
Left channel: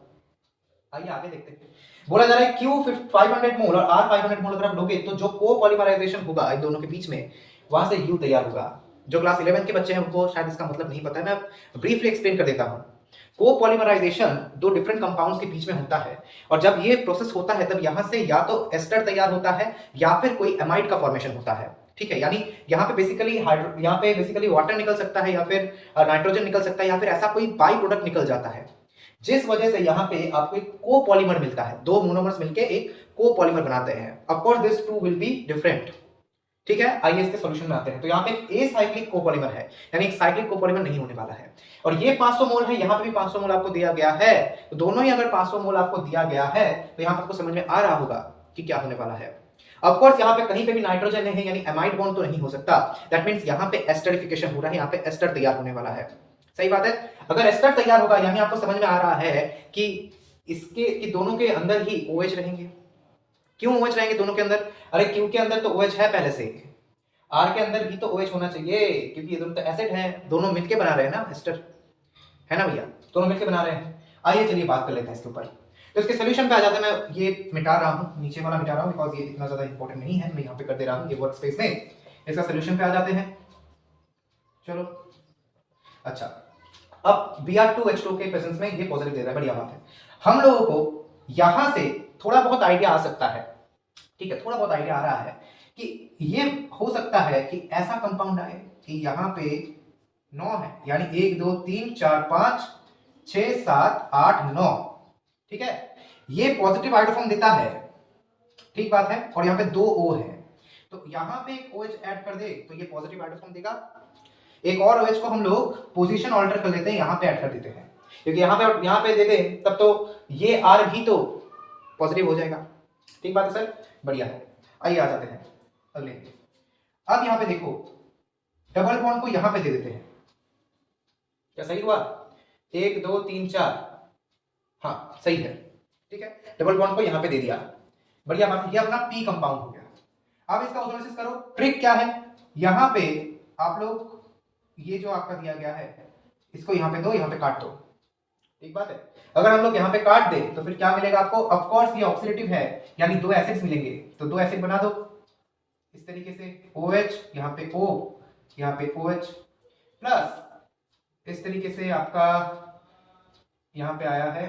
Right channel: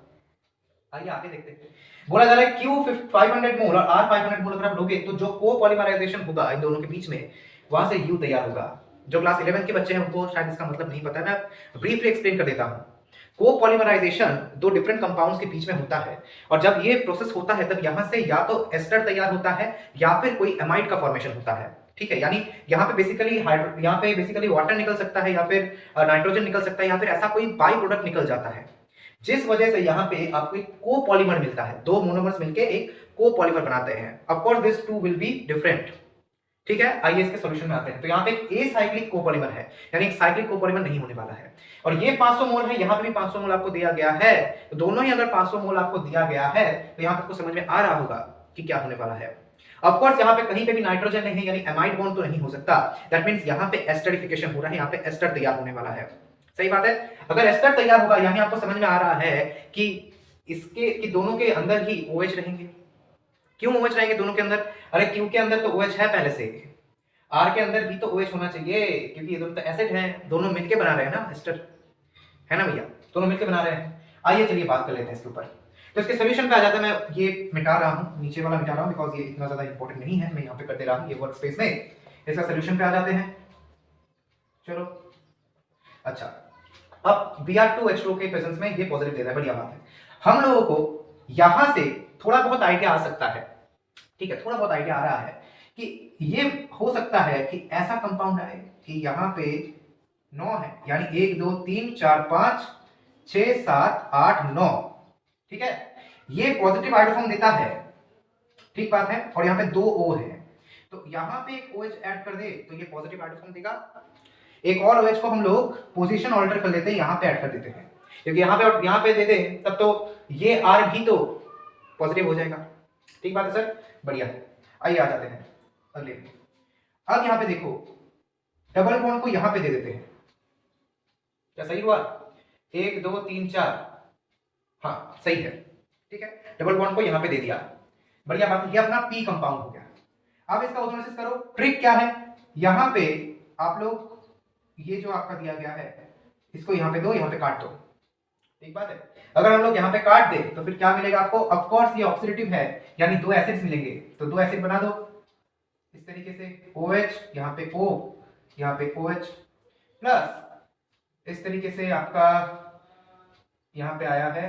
आइए आगे देखते हैं। बोला जा रहा है Q 500 मोल और R 500 मोल अगर आप लोगे तो जो कोपॉलीमराइजेशन होगा इन दोनों के बीच में, वहां से U तैयार होगा। जो क्लास 11 के बच्चे हैं उनको शायद इसका मतलब नहीं पता, मैं ब्रीफली एक्सप्लेन कर देता हूं। कोपॉलीमराइजेशन 2 डिफरेंट कंपाउंड्स के बीच में होता है और जब ये प्रोसेस होता है तब यहां से या तो एस्टर तैयार होता है या फिर कोई एमाइड का फॉर्मेशन होता है, ठीक है। यानी यहाँ पे बेसिकली वाटर निकल सकता है या फिर नाइट्रोजन निकल सकता है या फिर ऐसा कोई बाई प्रोडक्ट निकल जाता है, जिस वजह से यहाँ पे आपको एक कोपॉलीमर मिलता है। 2 मोनोमर्स मिलके एक कोपॉलीमर बनाते हैं। Of course this too will be different, ठीक है। आइए इसके सॉल्यूशन में आते हैं। तो यहाँ पे एक एसाइक्लिक कोपॉलीमर है, यानी एक साइक्लिक कोपॉलीमर नहीं होने वाला है। और ये 500 मोल है, यहाँ पे भी 500 मोल आपको दिया गया है। तो दोनों ही अगर 500 मोल आपको दिया गया है तो यहाँ पे आपको समझ में आ रहा होगा कि क्या होने वाला है। ऑफ कोर्स यहाँ पे कहीं पे भी नाइट्रोजन है, यानी एमाइड बॉन्ड तो नहीं हो सकता। दैट मींस यहाँ पे एस्टरिफिकेशन हो रहा है, यहाँ पे एस्टर तैयार होने वाला है। सही बात है। अगर एस्टर तैयार होगा, यानी आपको समझ में आ रहा है कि इसके कि दोनों के अंदर ही OH रहेंगे। क्यों OH रहेंगे दोनों के अंदर? अरे Q के अंदर तो OH है पहले से, R के अंदर भी तो OH होना चाहिए, क्योंकि ये दोनों तो एसिड हैं, दोनों मिलके बना रहे हैं ना एस्टर, है ना भैया, दोनों मिलके बना रहे हैं। आइए चलिए बात कर लेते हैं इसके ऊपर। तो इसके सोल्यूशन पे आ जाते हैं। मैं ये मिटा रहा हूँ, नीचे वाला मिटा रहा हूँ बिकॉज ये इतना ज्यादा इंपॉर्टेंट नहीं है, मैं यहाँ पे कर दे रहा हूँ ये वर्क स्पेस में। इसका सोल्यूशन पे आ जाते हैं। चलो अच्छा, अब Br2H2 के प्रेजेंस में ये पॉजिटिव दे रहा है, बढ़िया बात है। हम लोगों को यहां से थोड़ा बहुत आइडिया आ सकता है, ठीक है, थोड़ा बहुत आइडिया आ रहा है कि ये हो सकता है कि ऐसा कंपाउंड आए कि यहाँ पे 9 है, यानी 1 2 3 4 5 6 7 8 9, ठीक है। ये पॉजिटिव आइडोफॉर्म देता है, ठीक बात है। और यहाँ पे 2 O है, तो यहाँ पे एक OH ऐड कर दे तो ये पॉजिटिव हाइड्रोफॉर्म देगा। एक और OH को हम लोग पोजीशन ऑल्टर कर लेते हैं, यहाँ पे ऐड कर देते हैं, क्योंकि यहाँ पे दे दें तब तो ये R भी तो पॉजिटिव हो जाएगा। ठीक बात है सर, बढ़िया है। आइए आ जाते हैं अगले। अब यहाँ पे देखो डबल बॉन्ड को यहाँ पे दे देते हैं, क्या सही हुआ? 1 2 3 4, हाँ सही है, ठीक है। डबल बॉन्ड को यहाँ पे दे दिया, बढ़िया बात है। ये अपना पी कंपाउंड हो गया। अब इसका ऑस्मोसिस करो। ट्रिक क्या है, यहाँ पे आप लोग ये जो आपका दिया गया है इसको यहाँ पे दो, यहाँ पे काट दो, ठीक बात है। अगर हम लोग यहाँ पे काट दे तो फिर क्या मिलेगा आपको? ऑफ कोर्स ये ऑक्सीडेटिव है, यानी 2 एसिड्स मिलेंगे, तो 2 एसिड बना दो इस तरीके से। OH यहाँ पे O, यहाँ पे OH प्लस इस तरीके से आपका यहाँ पे आया है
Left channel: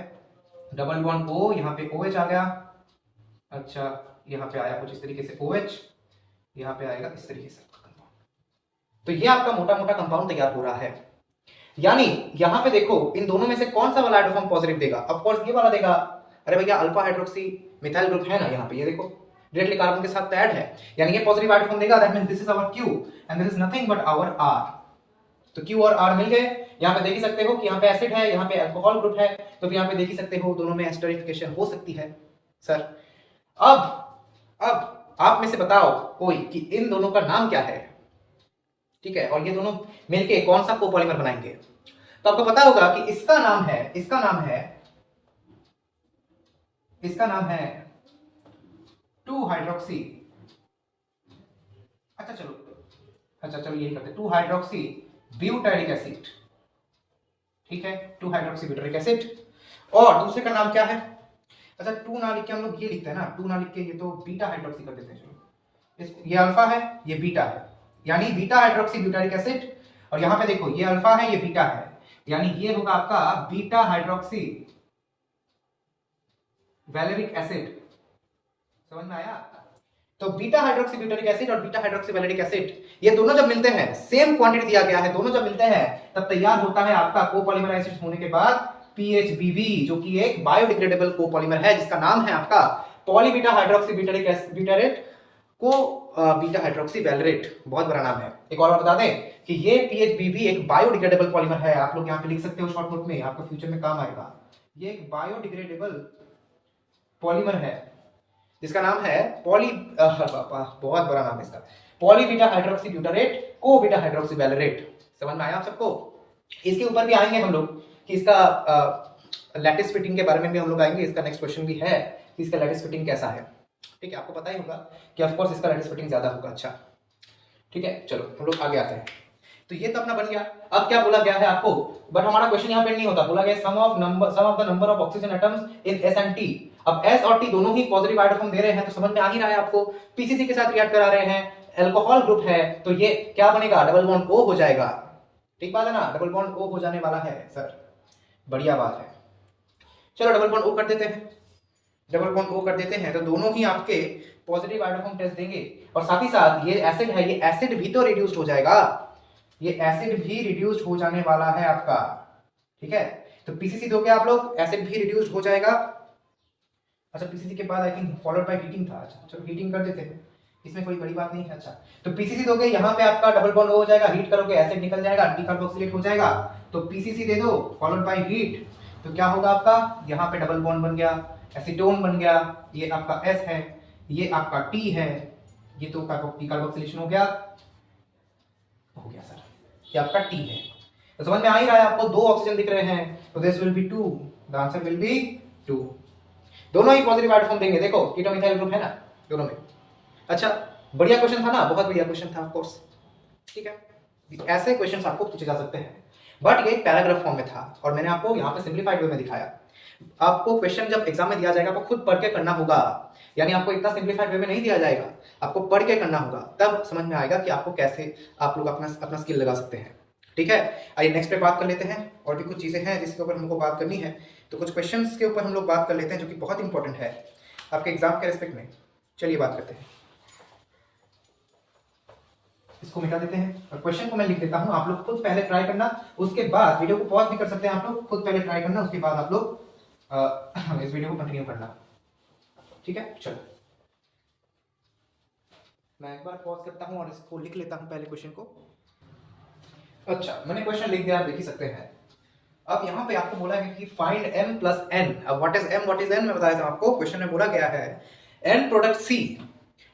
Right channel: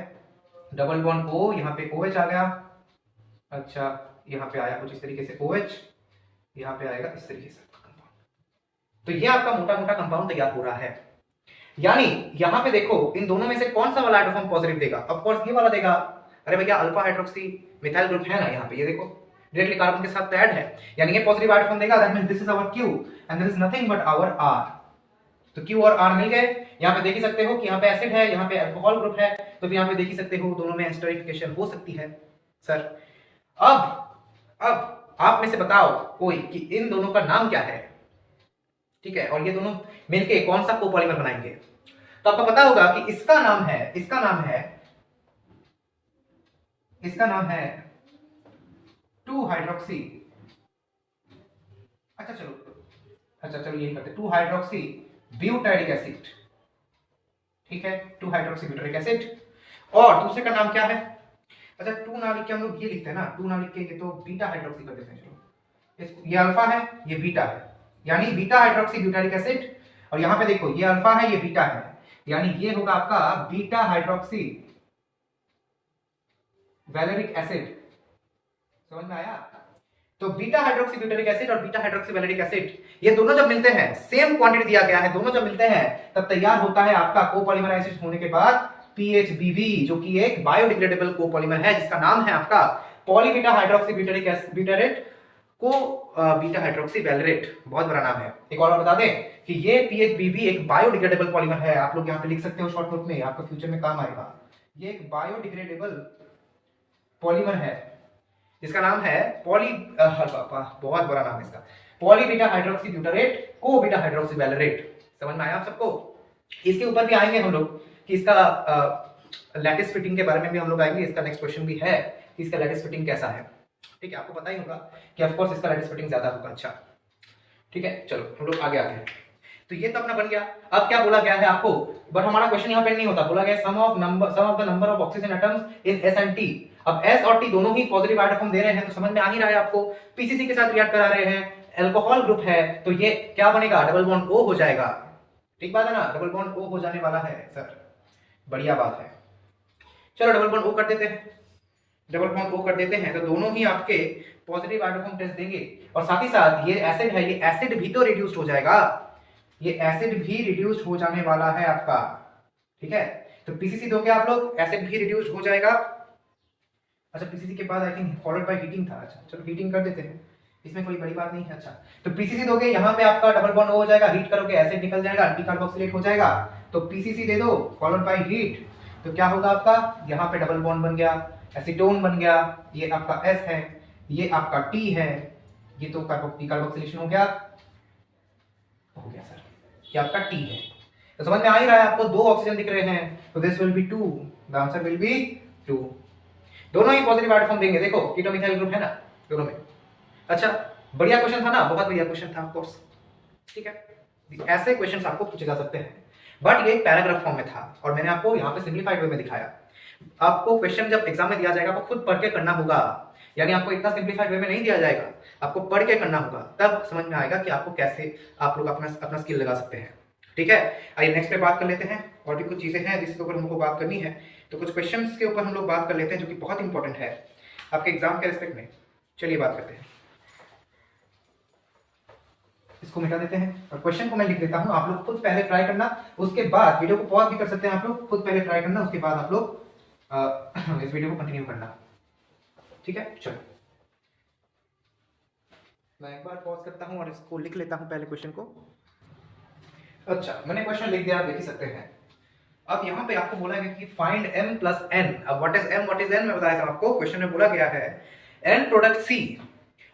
डबल बॉन्ड O, यहाँ पे OH आ गया। अच्छा यहाँ पे आया कुछ इस तरीके से OH, यहाँ पे आएगा इस तरीके से कंपाउंड। तो ये आपका मोटा मोटा कंपाउंड तैयार हो रहा है। यानी यहाँ पे देखो इन दोनों में से कौन सा वाला हाइड्रोफॉर्म पॉजिटिव देगा? ऑफ कोर्स ये वाला देगा। अरे भैया अल्फा हाइड्रोक्सी मिथाइल ग्रुप है ना यहाँ पे, ये देखो डायरेक्टली कार्बन के साथ ऐड है, यानी ये पॉजिटिव हाइड्रोफॉर्म देगा। That means this is our Q and this is nothing but our R। तो Q और R मिल गए। यहाँ पे देख ही सकते हो कि यहाँ पे एसिड है, यहाँ पे अल्कोहल ग्रुप है, तो फिर यहाँ पे देख ही सकते हो दोनों में एस्टरिफिकेशन हो सकती है सर। अब आप में से बताओ कोई कि इन दोनों का नाम क्या है, ठीक है, और ये दोनों मिलके कौन सा कोपॉलीमर बनाएंगे? तो आपको पता होगा कि इसका नाम है 2 हाइड्रोक्सी, चलो यही करते 2 हाइड्रोक्सी ब्यूटाइरिक एसिड, ठीक है, 2 हाइड्रोक्सी ब्यूटाइरिक एसिड। और दूसरे का नाम क्या है? अच्छा 2 ना लिख के हम लोग ये लिखते हैं ना, 2 ना लिख के ये तो बीटा हाइड्रोक्सी कर देते हैं। चलो ये अल्फा है, ये बीटा है, यानी बीटा हाइड्रोक्सी ब्यूटाइरिक एसिड। और यहाँ पे देखो ये अल्फा है, ये बीटा है, यानी ये होगा आपका बीटा हाइड्रोक्सी वैलेरिक एसिड। समझ में आया? तो बीटा हाइड्रोक्सी ब्यूटारिक एसिड और बीटा हाइड्रोक्सी वैलेरिक एसिड ये दोनों जब मिलते हैं, सेम क्वांटिटी दिया गया है, दोनों जब मिलते हैं तब तैयार होता है आपका कोपॉलीमर एसिड होने के बाद PHBV, जो कि एक बायोडिग्रेडेबल कोपॉलीमर है जिसका नाम है आपका पॉलीबीटा हाइड्रोक्सी ब्यूटारेट को बीटा हाइड्रोक्सी वैलेरेट। बहुत बड़ा नाम है। एक और बता दें कि ये PHBV एक बायोडिग्रेडेबल पॉलीमर है। आप लोग यहाँ पे लिख सकते हो शॉर्ट नोट में, आपको फ्यूचर में काम आएगा। ये एक बायोडिग्रेडेबल पॉलीमर है जिसका नाम है बहुत बड़ा नाम है इसका, पॉलीबीटा हाइड्रोक्सी ब्यूटारेट को बीटा हाइड्रोक्सी वैलेरेट। समझ में आया आप सबको? इसके ऊपर भी आएंगे हम लोग कि इसका लैटिस फिटिंग के बारे में भी हम लोग आएंगे। इसका नेक्स्ट क्वेश्चन भी है कि इसका लैटिस फिटिंग कैसा है, ठीक है। आपको पता ही होगा कि ऑफ कोर्स इसका लैटिस फिटिंग ज्यादा होगा। अच्छा ठीक है, चलो हम लोग आगे आते हैं। तो ये तो अपना बन गया। अब क्या बोला गया है आपको? बट हमारा क्वेश्चन यहाँ पे नहीं होता, बोला गया sum of the number of oxygen atoms in S and T। अब S और T दोनों ही पॉजिटिव हाइड्रोफॉर्म दे रहे हैं, तो समझ में आ ही रहा है आपको, PCC के साथ रिएक्ट करा रहे हैं, अल्कोहल ग्रुप है, तो ये क्या बनेगा? डबल बॉन्ड O हो जाएगा। ठीक बात है ना, डबल बॉन्ड O हो जाने वाला है सर, बढ़िया बात है। चलो डबल बॉन्ड O कर देते हैं, डबल बॉन्ड O कर देते हैं, तो दोनों ही आपके पॉजिटिव हाइड्रोफॉर्म टेस्ट देंगे। और साथ ही साथ ये एसिड है, ये एसिड भी तो रिड्यूस्ड हो जाएगा, ये एसिड भी रिड्यूस्ड हो जाने वाला है आपका, ठीक है। तो PCC दोगे आप लोग, एसिड भी रिड्यूस्ड हो जाएगा। अच्छा PCC के बाद I think followed by heating था। अच्छा चलो हीटिंग कर देते हैं, इसमें कोई बड़ी बात नहीं है। अच्छा तो PCC दोगे, यहाँ पे आपका डबल बॉन्ड हो जाएगा, हीट करोगे एसिड निकल जाएगा, डीकार्बोक्सिलेट हो जाएगा। तो PCC दे दो फॉलोड बाय हीट, तो क्या होगा आपका? यहाँ पे डबल बॉन्ड बन गया, एसीटोन बन गया, ये आपका S है, ये आपका T है, ये तो डीकार्बोक्सिलेशन हो गया सर, ये आपका T है। तो समझ में आ ही रहा है आपको, 2 ऑक्सीजन दिख रहे हैं, तो this will be 2, the answer will B 2। दोनों ही पॉजिटिव हाइड्रोफॉर्म देंगे, देखो कीटो मिथाइल ग्रुप है ना दोनों में। अच्छा बढ़िया क्वेश्चन था ना, बहुत बढ़िया क्वेश्चन था ऑफ कोर्स, ठीक है। ऐसे क्वेश्चंस आपको पूछे जा सकते हैं, बट ये पैराग्राफ फॉर्म में था और मैंने आपको यहाँ पे सिंप्लीफाइड वे में दिखाया। आपको क्वेश्चन जब एग्जाम में दिया जाएगा आपको खुद पढ़ के करना होगा, यानी आपको इतना सिंप्लीफाइड वे में नहीं दिया जाएगा, आपको पढ़ के करना होगा, तब समझ में आएगा कि आपको कैसे आप लोग अपना स्किल लगा सकते हैं, ठीक है। आइए नेक्स्ट पे बात कर लेते हैं, और भी कुछ चीजें हैं जिसके ऊपर हमको बात करनी है, तो कुछ क्वेश्चंस के ऊपर हम लोग बात कर लेते हैं जो कि बहुत इंपॉर्टेंट है आपके एग्जाम के रिस्पेक्ट में। चलिए बात करते हैं, इसको मिटा देते हैं और क्वेश्चन को मैं लिख देता हूं, आप लोग खुद पहले ट्राई करना, उसके बाद वीडियो को पॉज भी कर सकते हैं आप लोग, खुद पहले ट्राई करना, उसके बाद आप लोग इस वीडियो को कंटिन्यू करना, ठीक है। चलो मैं एक बार पॉज करता हूँ और इसको लिख लेता हूँ पहले क्वेश्चन को। अच्छा, मैंने क्वेश्चन लिख दिया, आप देख ही सकते हैं। अब यहाँ पे आपको बोला है कि फाइंड m प्लस n। अब what is m, what is n मैं बताया था आपको। क्वेश्चन में बोला गया है n product C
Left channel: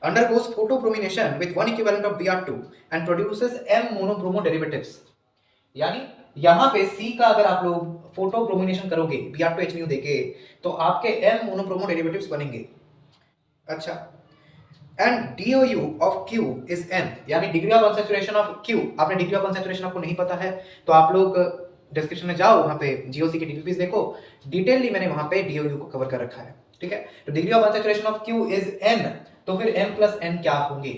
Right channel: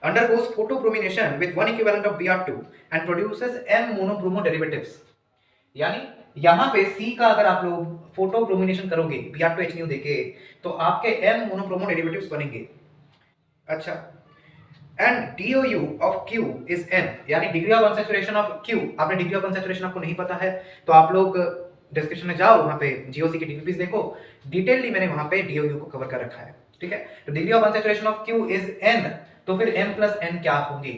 undergoes photochromination with one equivalent of Br2 and produces m monobromo derivatives। यानी यहाँ पे C का अगर आप लोग फोटोक्रोमिनेशन करोगे Br2HNO देके तो आपके m मोनोब्रोमो डेरिवेटिव्स बनेंगे। अच्छा, and DOU of Q is n, यानी degree of concentration of Q। आपने डिग्री ऑफ कॉन्सेंट्रेशन आपको नहीं पता है तो आप लोग डिस्क्रिप्शन में जाओ, वहां पे GOC की DPPs देखो, डिटेलली मैंने वहां पे DOU को कवर कर रखा है। ठीक है, तो degree of concentration of Q is n, तो फिर m प्लस n क्या होंगे?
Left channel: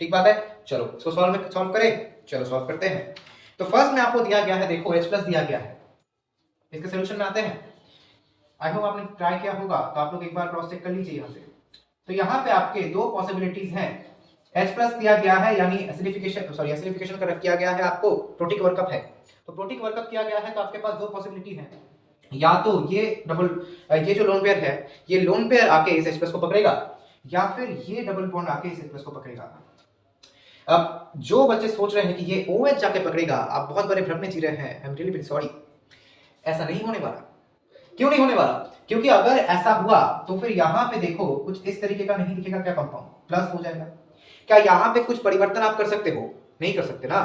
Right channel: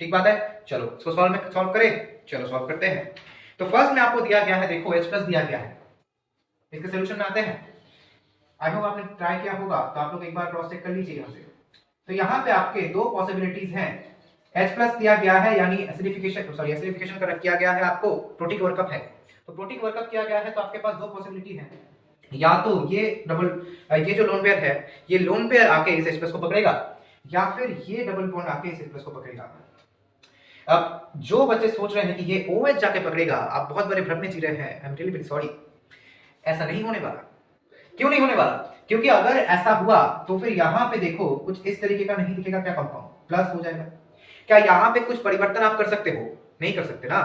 ठीक बात है, चलो इसको सॉल्व करें। चलो सॉल्व करते हैं। तो फर्स्ट में आपको दिया गया है, देखो H प्लस दिया गया है, इसके सॉल्यूशन में आते हैं। आई होप आपने ट्राई किया होगा, तो आप लोग एक बार क्रॉस चेक कर लीजिए यहाँ से। तो यहाँ पे आपके दो पॉसिबिलिटीज हैं। H प्लस दिया गया है यानी एसिडिफिकेशन का किया गया है, आपको प्रोटिक वर्कअप है, तो प्रोटिक वर्कअप किया गया है, तो आपके पास दो पॉसिबिलिटी है। या तो ये जो लोन पेयर है, ये लोन पेयर आके इस H प्लस को पकड़ेगा, या फिर ये डबल बॉन्ड आके इस H प्लस को पकड़ेगा। अब जो बच्चे सोच रहे हैं कि ये OH जाके पकड़ेगा, आप बहुत बड़े भ्रम में जी रहे हैं। I am really very sorry, ऐसा नहीं होने वाला। क्यों नहीं होने वाला? क्योंकि अगर ऐसा हुआ तो फिर यहाँ पे देखो कुछ इस तरीके का नहीं दिखेगा क्या कंपाउंड, प्लस हो जाएगा। क्या यहाँ पे कुछ परिवर्तन आप कर सकते हो? नहीं कर सकते ना।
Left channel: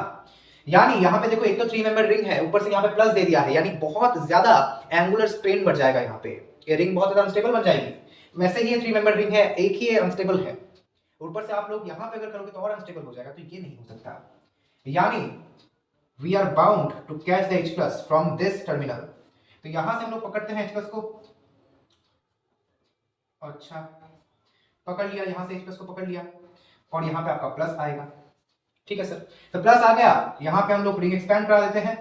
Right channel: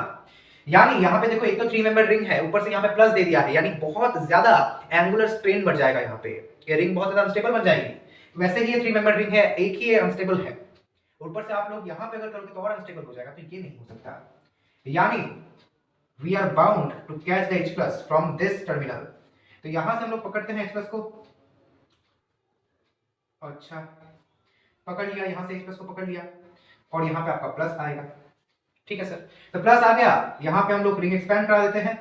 यानी यहाँ पे देखो, एक तो 3 मेंबर रिंग है, ऊपर से यहाँ पे प्लस दे दिया है, यानी बहुत ज्यादा एंगुलर स्ट्रेन बढ़ जाएगा। यहाँ पे ये रिंग बहुत ज्यादा अनस्टेबल बन जाएगी। वैसे ही ये 3 मेंबर रिंग है, एक ही अनस्टेबल है, ऊपर से आप लोग यहाँ पे अगर करोगे तो और अनस्टेबल हो जाएगा, तो ये नहीं हो सकता। यानी we are bound to catch the H plus from this terminal. तो यहां से हम लोग पकड़ते हैं H प्लस को। अच्छा, पकड़ लिया, यहां से H प्लस को पकड़ लिया, और यहाँ पे आपका प्लस आएगा। ठीक है सर, तो प्लस आ गया, यहाँ पे हम लोग रिंग एक्सपैंड करा देते हैं।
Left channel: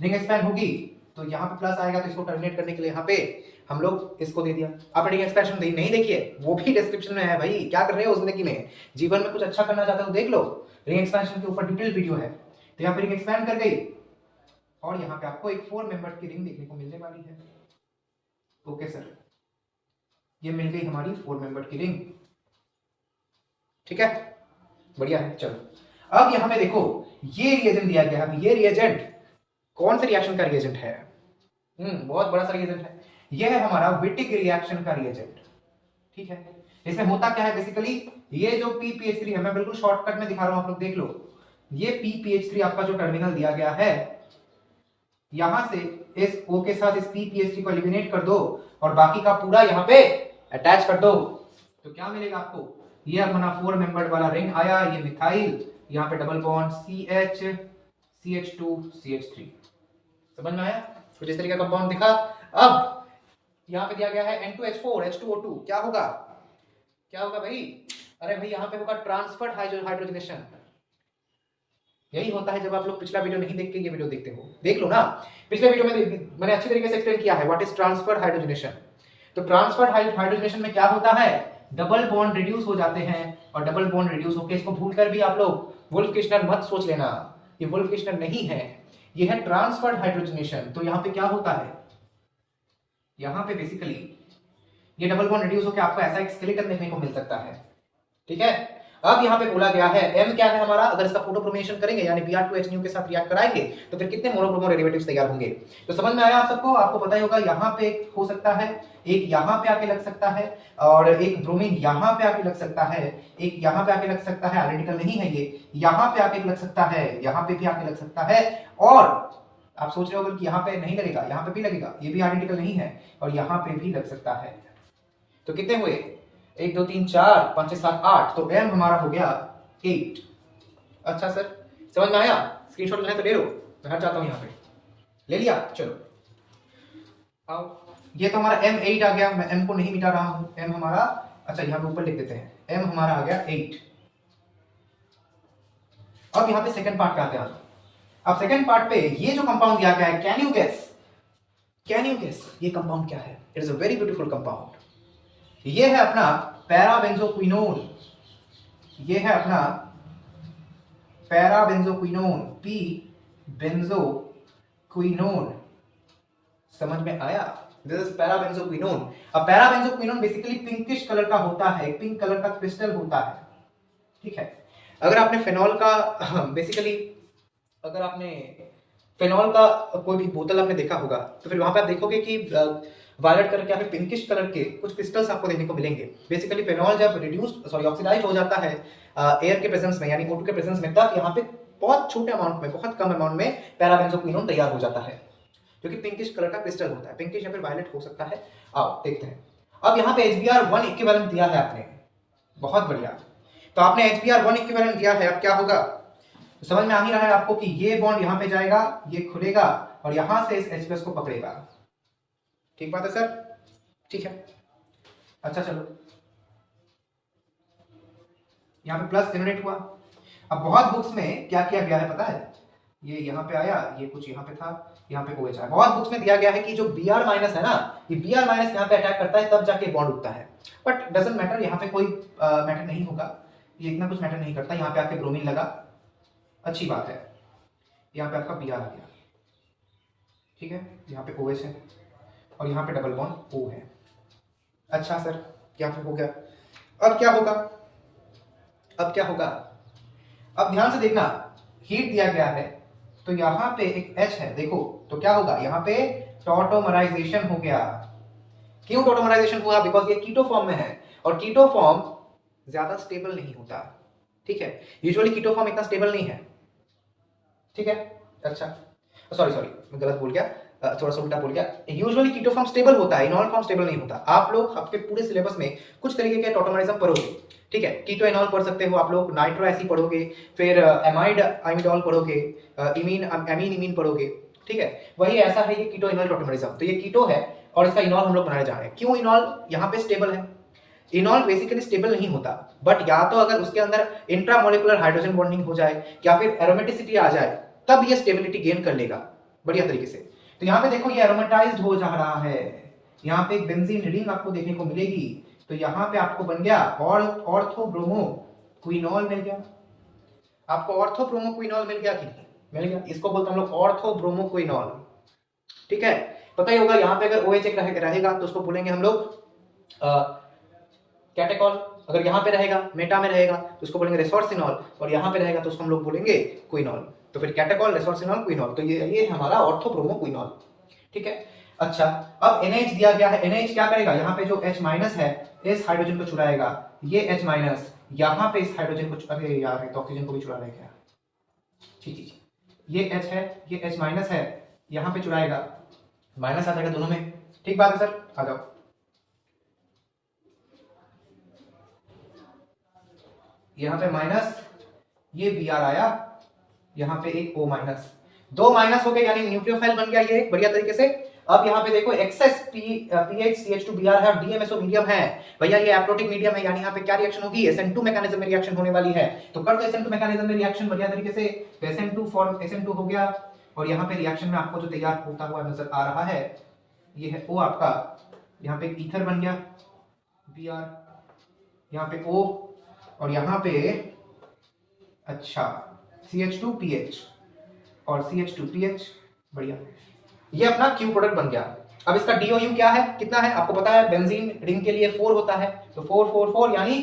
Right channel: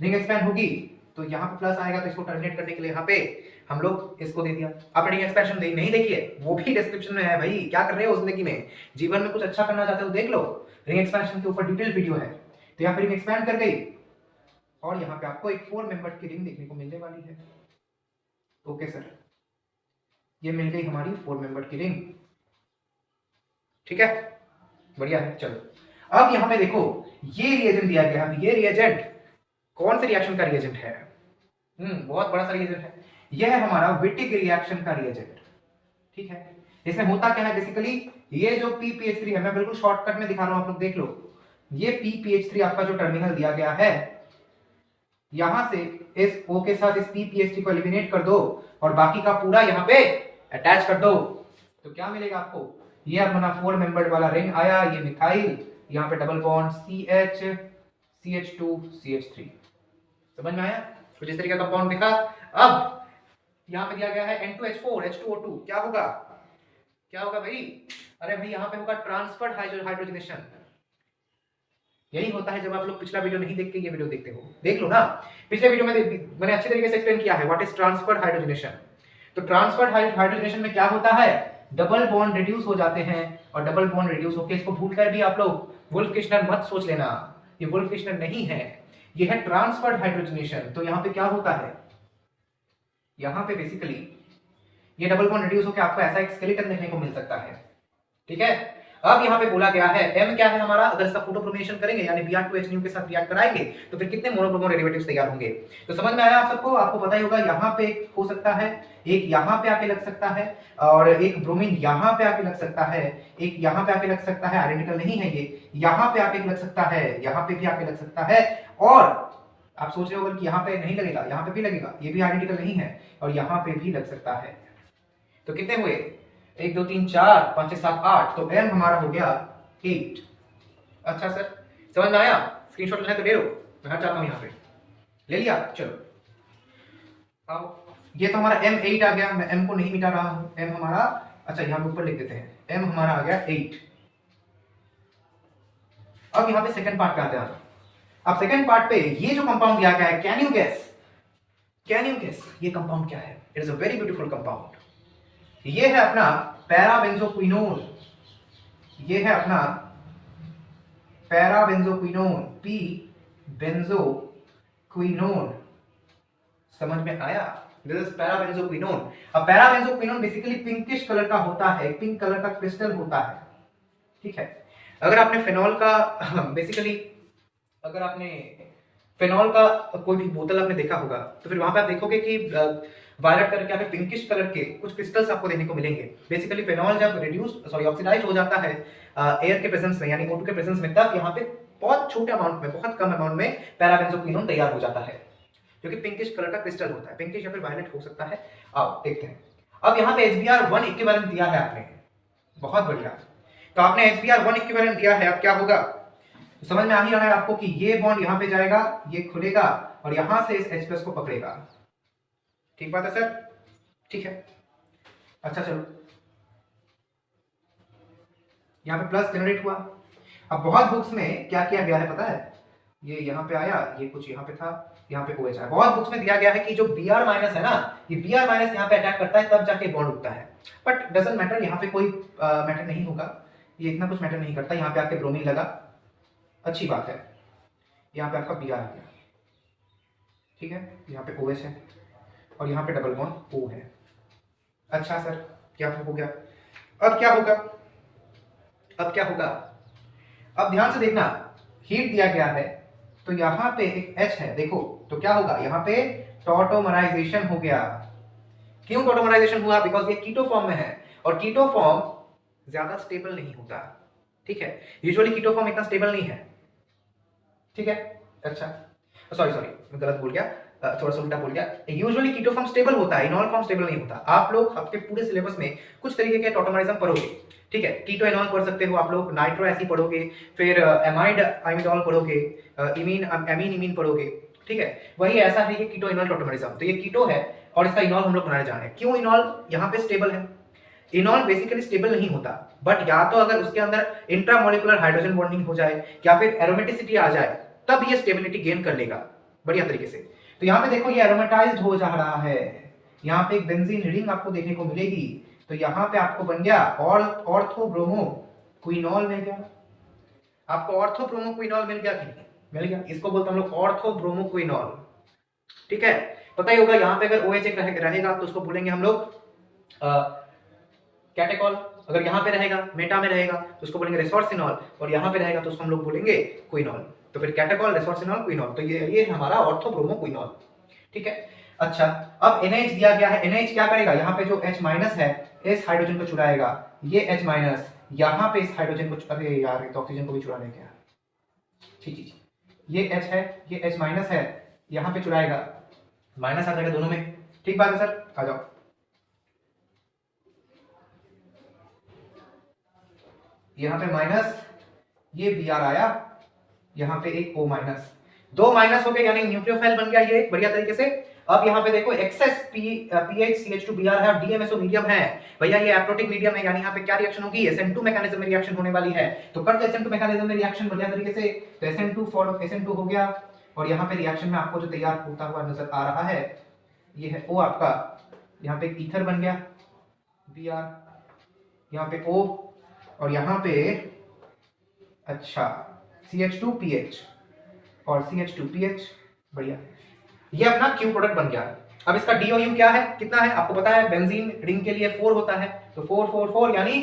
रिंग एक्सपैंड होगी तो यहाँ पे प्लस आएगा, तो इसको टर्मिनेट करने के लिए यहाँ पे हम लोग इसको दे दिया। आप रिंग एक्सपेंशन नहीं देखिए, वो भी डिस्क्रिप्शन में है भाई। क्या कर रहे हो जिंदगी में, जीवन में कुछ अच्छा करना चाहते हो देख लो, रिंग एक्सपेंशन के ऊपर डिटेल वीडियो है। तो यहाँ पे रिंग एक्सपैंड कर गई, और यहाँ पे आपको एक 4 मेंबर की रिंग देखने को मिलने वाली है। ओके सर, ये मिल गई हमारी 4 मेंबर की रिंग। ठीक है, बढ़िया है। चलो अब यहाँ पे देखो, ये रिएजेंट दिया गया है। ये रिएजेंट कौन से रिएक्शन का रिएजेंट है? बहुत बड़ा सा रिएजेंट है। ये है हमारा विटिक रिएक्शन का रिएजेंट। ठीक है, इसमें होता क्या है बेसिकली, ये जो PPH3 है, मैं बिल्कुल शॉर्टकट में दिखा रहा हूं, आप लोग देख लो। ये PPH3 आपका जो टर्मिनल दिया गया है, यहां से इस O के साथ इस PPH3 को एलिमिनेट कर दो और बाकी का पूरा यहाँ पे अटैच कर दो, तो क्या मिलेगा आपको? ये अपना 4 मेंबर्ड वाला रिंग आया, ये मिथाइल, यहाँ पे double bond CH CH2 CH3। समझ में आया? कुछ इस तरीके का कंपाउंड दिखा। अब यहाँ पे दिया गया है N2H4 H2O2, क्या होगा? क्या होगा भाई? अरे भाई यहाँ पे होगा ट्रांसफर्ड हाइड्रोजनेशन। यही होता है जब आप लोग पिछला वीडियो नहीं देखते, ये वीडियो देखते हो, देख लो ना। पिछले वीडियो में मैंने अच्छे तरीके से एक्सप्लेन किया है व्हाट इज ट्रांसफर्ड हाइड्रोजनेशन। तो ट्रांसफर्ड हाइड्रोजनेशन में क्या होता है, डबल बॉन्ड रिड्यूस हो जाते हैं, और डबल बॉन्ड रिड्यूस होकर, इसको भूलकर भी आप लोग वुल्फ किश्नर मत सोच लेना, ये वुल्फ किश्नर नहीं है, ये है ट्रांसफर्ड हाइड्रोजनेशन। तो यहाँ पे क्या होता है, यहाँ पे बेसिकली ये डबल बॉन्ड रिड्यूस होकर आपको ऐसा एक स्केलेटन देखने को मिल सकता है। ठीक है, अब यहाँ पे बोला गया है M क्या है हमारा, अगर इसका फोटोक्रोमिनेशन करेंगे यानी Br2HNO के साथ रिएक्ट कराएंगे तो फिर कितने मोनोब्रोमो डेरिवेटिव्स तैयार होंगे। तो समझ में आया आप सबको? आपको पता ही होगा, यहाँ पे एक हो सकता है, एक यहाँ पे आके लग सकता है, और एक ब्रोमीन यहाँ पे आके लग सकता है, एक यहाँ पे आके लग सकता है, आइडेंटिकल नहीं है ये, यहाँ पे आके लग सकता है, यहाँ पे भी आके लग सकता है, और आप सोच रहे हो कि यहाँ पे नहीं लगेगा, यहाँ पे भी लगेगा, ये भी आइडेंटिकल नहीं है, और यहाँ पे भी लग सकता है। तो कितने हुए, 1 2 3 4 5 6 7 8, तो M हमारा हो गया 8। अच्छा सर, समझ में आया? स्क्रीनशॉट लेना तो ले लो, मैं हट जाता हूं, यहाँ पे ले लिया। चलो अब ये तो हमारा M8 आ गया, मैं M को नहीं मिटा रहा हूं, M हमारा, अच्छा यहाँ पे ऊपर लिख देते हैं, M हमारा आ गया 8। अब यहाँ पे सेकंड पार्ट पे आते हैं। अब सेकंड पार्ट पे ये जो कंपाउंड दिया गया है, कैन यू गेस ये कंपाउंड क्या है? It is a very beautiful compound. ये है अपना पैराबेंजोक्विनोन, ये है अपना पैराबेंजोक्विनोन, P बेंजोक्विनोन। समझ में आया? This is parabenzoquinone. अब पैराबेंजोक्विनोन बेसिकली पिंकिश कलर का होता है, पिंक कलर का क्रिस्टल होता है। ठीक है। अगर आपने फेनॉल का बेसिकली अगर आपने फेनॉल का कोई भी बोतल आपने देखा होगा तो फिर वहां पे आप देखोगे कि वायलेट कलर के यहाँ पे पिंकिश कलर के कुछ क्रिस्टल्स आपको देखने को मिलेंगे। बेसिकली फेनॉल जब ऑक्सीडाइज हो जाता है एयर के प्रेजेंस में यानी O2 के प्रेजेंस में, तब यहाँ पे बहुत छोटे अमाउंट में, बहुत कम अमाउंट में पैराबेंजोक्विनोन तैयार हो जाता है, जो कि पिंकिश कलर का क्रिस्टल होता है। पिंकिश या फिर वायलेट हो सकता है। आओ देखते हैं। अब यहाँ पे HBr1 इक्विवेलेंट दिया है आपने, बहुत बढ़िया। तो आपने HBr1 इक्विवेलेंट दिया है, अब क्या होगा समझ में आ ही रहा है आपको कि ये बॉन्ड यहाँ पे जाएगा, ये खुलेगा और यहां से इस H+ को पकड़ेगा। ठीक बात है सर? ठीक है। अच्छा चलो, यहाँ पे प्लस जनरेट हुआ। अब बहुत बुक्स में क्या किया गया है पता है, ये यहाँ पे आया, ये कुछ यहाँ पे था, यहाँ पे OH आया। बहुत बुक्स में दिया गया है कि जो Br- है ना, ये Br- यहाँ पे अटैक करता है तब जाके बॉन्ड उठता है। बट डजंट मैटर, यहाँ पे कोई मैटर नहीं होगा, ये इतना कुछ मैटर नहीं करता। यहाँ पे आपके ब्रोमीन लगा, अच्छी बात है। यहाँ पे आपका Br आ गया, ठीक है, यहाँ पे OH है और यहाँ पे डबल बॉन्ड O है। अच्छा सर, क्या हो गया? अब क्या होगा? अब क्या होगा? अब ध्यान से देखना, हीट दिया गया है तो यहाँ पे एक H है, देखो तो क्या होगा, यहाँ पे टॉटोमराइजेशन हो गया। क्यों टॉटोमराइजेशन हुआ? बिकॉज ये कीटो फॉर्म में है और कीटो फॉर्म ज्यादा स्टेबल नहीं होता, ठीक है। यूजुअली कीटो फॉर्म इतना स्टेबल नहीं है, ठीक है। अच्छा सॉरी मैं गलत बोल गया, थोड़ा सा उल्टा बोल गया। यूजुअली कीटो फॉर्म स्टेबल होता है, इनॉल फॉर्म स्टेबल नहीं होता। आप लोग आपके पूरे सिलेबस में कुछ तरीके के टॉटोमराइज्म पढ़ोगे, ठीक है। कीटो इनॉल पढ़ सकते हो आप लोग, नाइट्रो एसी पढ़ोगे, फिर एमाइड इमिडॉल पढ़ोगे, एमीन इमीन पढ़ोगे, ठीक है। वही ऐसा है ये कीटो इनॉल टॉटोमराइज्म। तो ये कीटो है और इसका इनॉल हम लोग बनाने जा रहे हैं। क्यों इनॉल यहाँ पे स्टेबल है? इनॉल बेसिकली स्टेबल नहीं होता, बट या तो अगर उसके अंदर इंट्रामोलिकुलर हाइड्रोजन बॉन्डिंग हो जाए या फिर एरोमेटिसिटी आ जाए, तब ये स्टेबिलिटी गेन कर लेगा बढ़िया तरीके से। तो यहाँ पे देखो ये एरोमेटाइज्ड हो जा रहा है, यहाँ पे एक बेंजीन रिंग आपको देखने को मिलेगी। तो यहाँ पे आपको बन गया और ऑर्थोब्रोमोक्विनॉल मिल गया। आपको ऑर्थोब्रोमोक्विनॉल मिल गया कि नहीं? मिल गया। इसको बोलते हैं हम लोग ऑर्थोब्रोमोक्विनॉल, ठीक है। पता ही होगा यहाँ पे अगर OH रहेगा तो उसको बोलेंगे हम लोग कैटेकॉल। अगर यहाँ पे रहेगा, मेटा में रहेगा तो उसको बोलेंगे रेसोर्सिनॉल, और यहाँ पे रहेगा तो उसको हम लोग बोलेंगे क्विनॉल। तो फिर कैटेकॉल, रेसोर्सिनॉल, क्विनॉल, तो ये हमारा ऑर्थोब्रोमोक्विनॉल, ठीक है। अच्छा, अब NH दिया गया है। NH क्या करेगा? यहाँ पे जो H- है इस हाइड्रोजन को चुराएगा, ये H- यहाँ पे इस हाइड्रोजन को, अरे यार ये तो ऑक्सीजन को भी चुरा लेगा। ठीक, ये H है, ये H- है, यहाँ पे चुराएगा, माइनस आ जाएगा दोनों में। ठीक बात है सर, आ जाओ। यहाँ पे माइनस, ये Br आया, यहाँ पे एक O-, दो माइनस हो गए यानी न्यूक्लियोफाइल बन गया ये बढ़िया तरीके से। अब यहाँ पे देखो एक्सेस पीएच CH2Br है और DMSO मीडियम है भैया, ये एप्रोटिक मीडियम है, यानी यहाँ पे क्या रिएक्शन होगी? SN2 मैकेनिज्म में रिएक्शन होने वाली है। तो कर दो SN2 मैकेनिज्म में रिएक्शन बढ़िया तरीके से। तो SN2 फॉर्म SN2 हो गया और यहाँ पे रिएक्शन में आपको जो तैयार होता हुआ नजर आ रहा है ये है O आपका, यहाँ पे ईथर बन गया Br, यहाँ पे O और यहाँ पे अच्छा CH2PH और CH2PH, बढ़िया। ये अपना क्यू प्रोडक्ट बन गया। अब इसका DOU क्या है, कितना है आपको पता है? बेंजीन रिंग के लिए 4 होता है, तो 4 4 4 यानी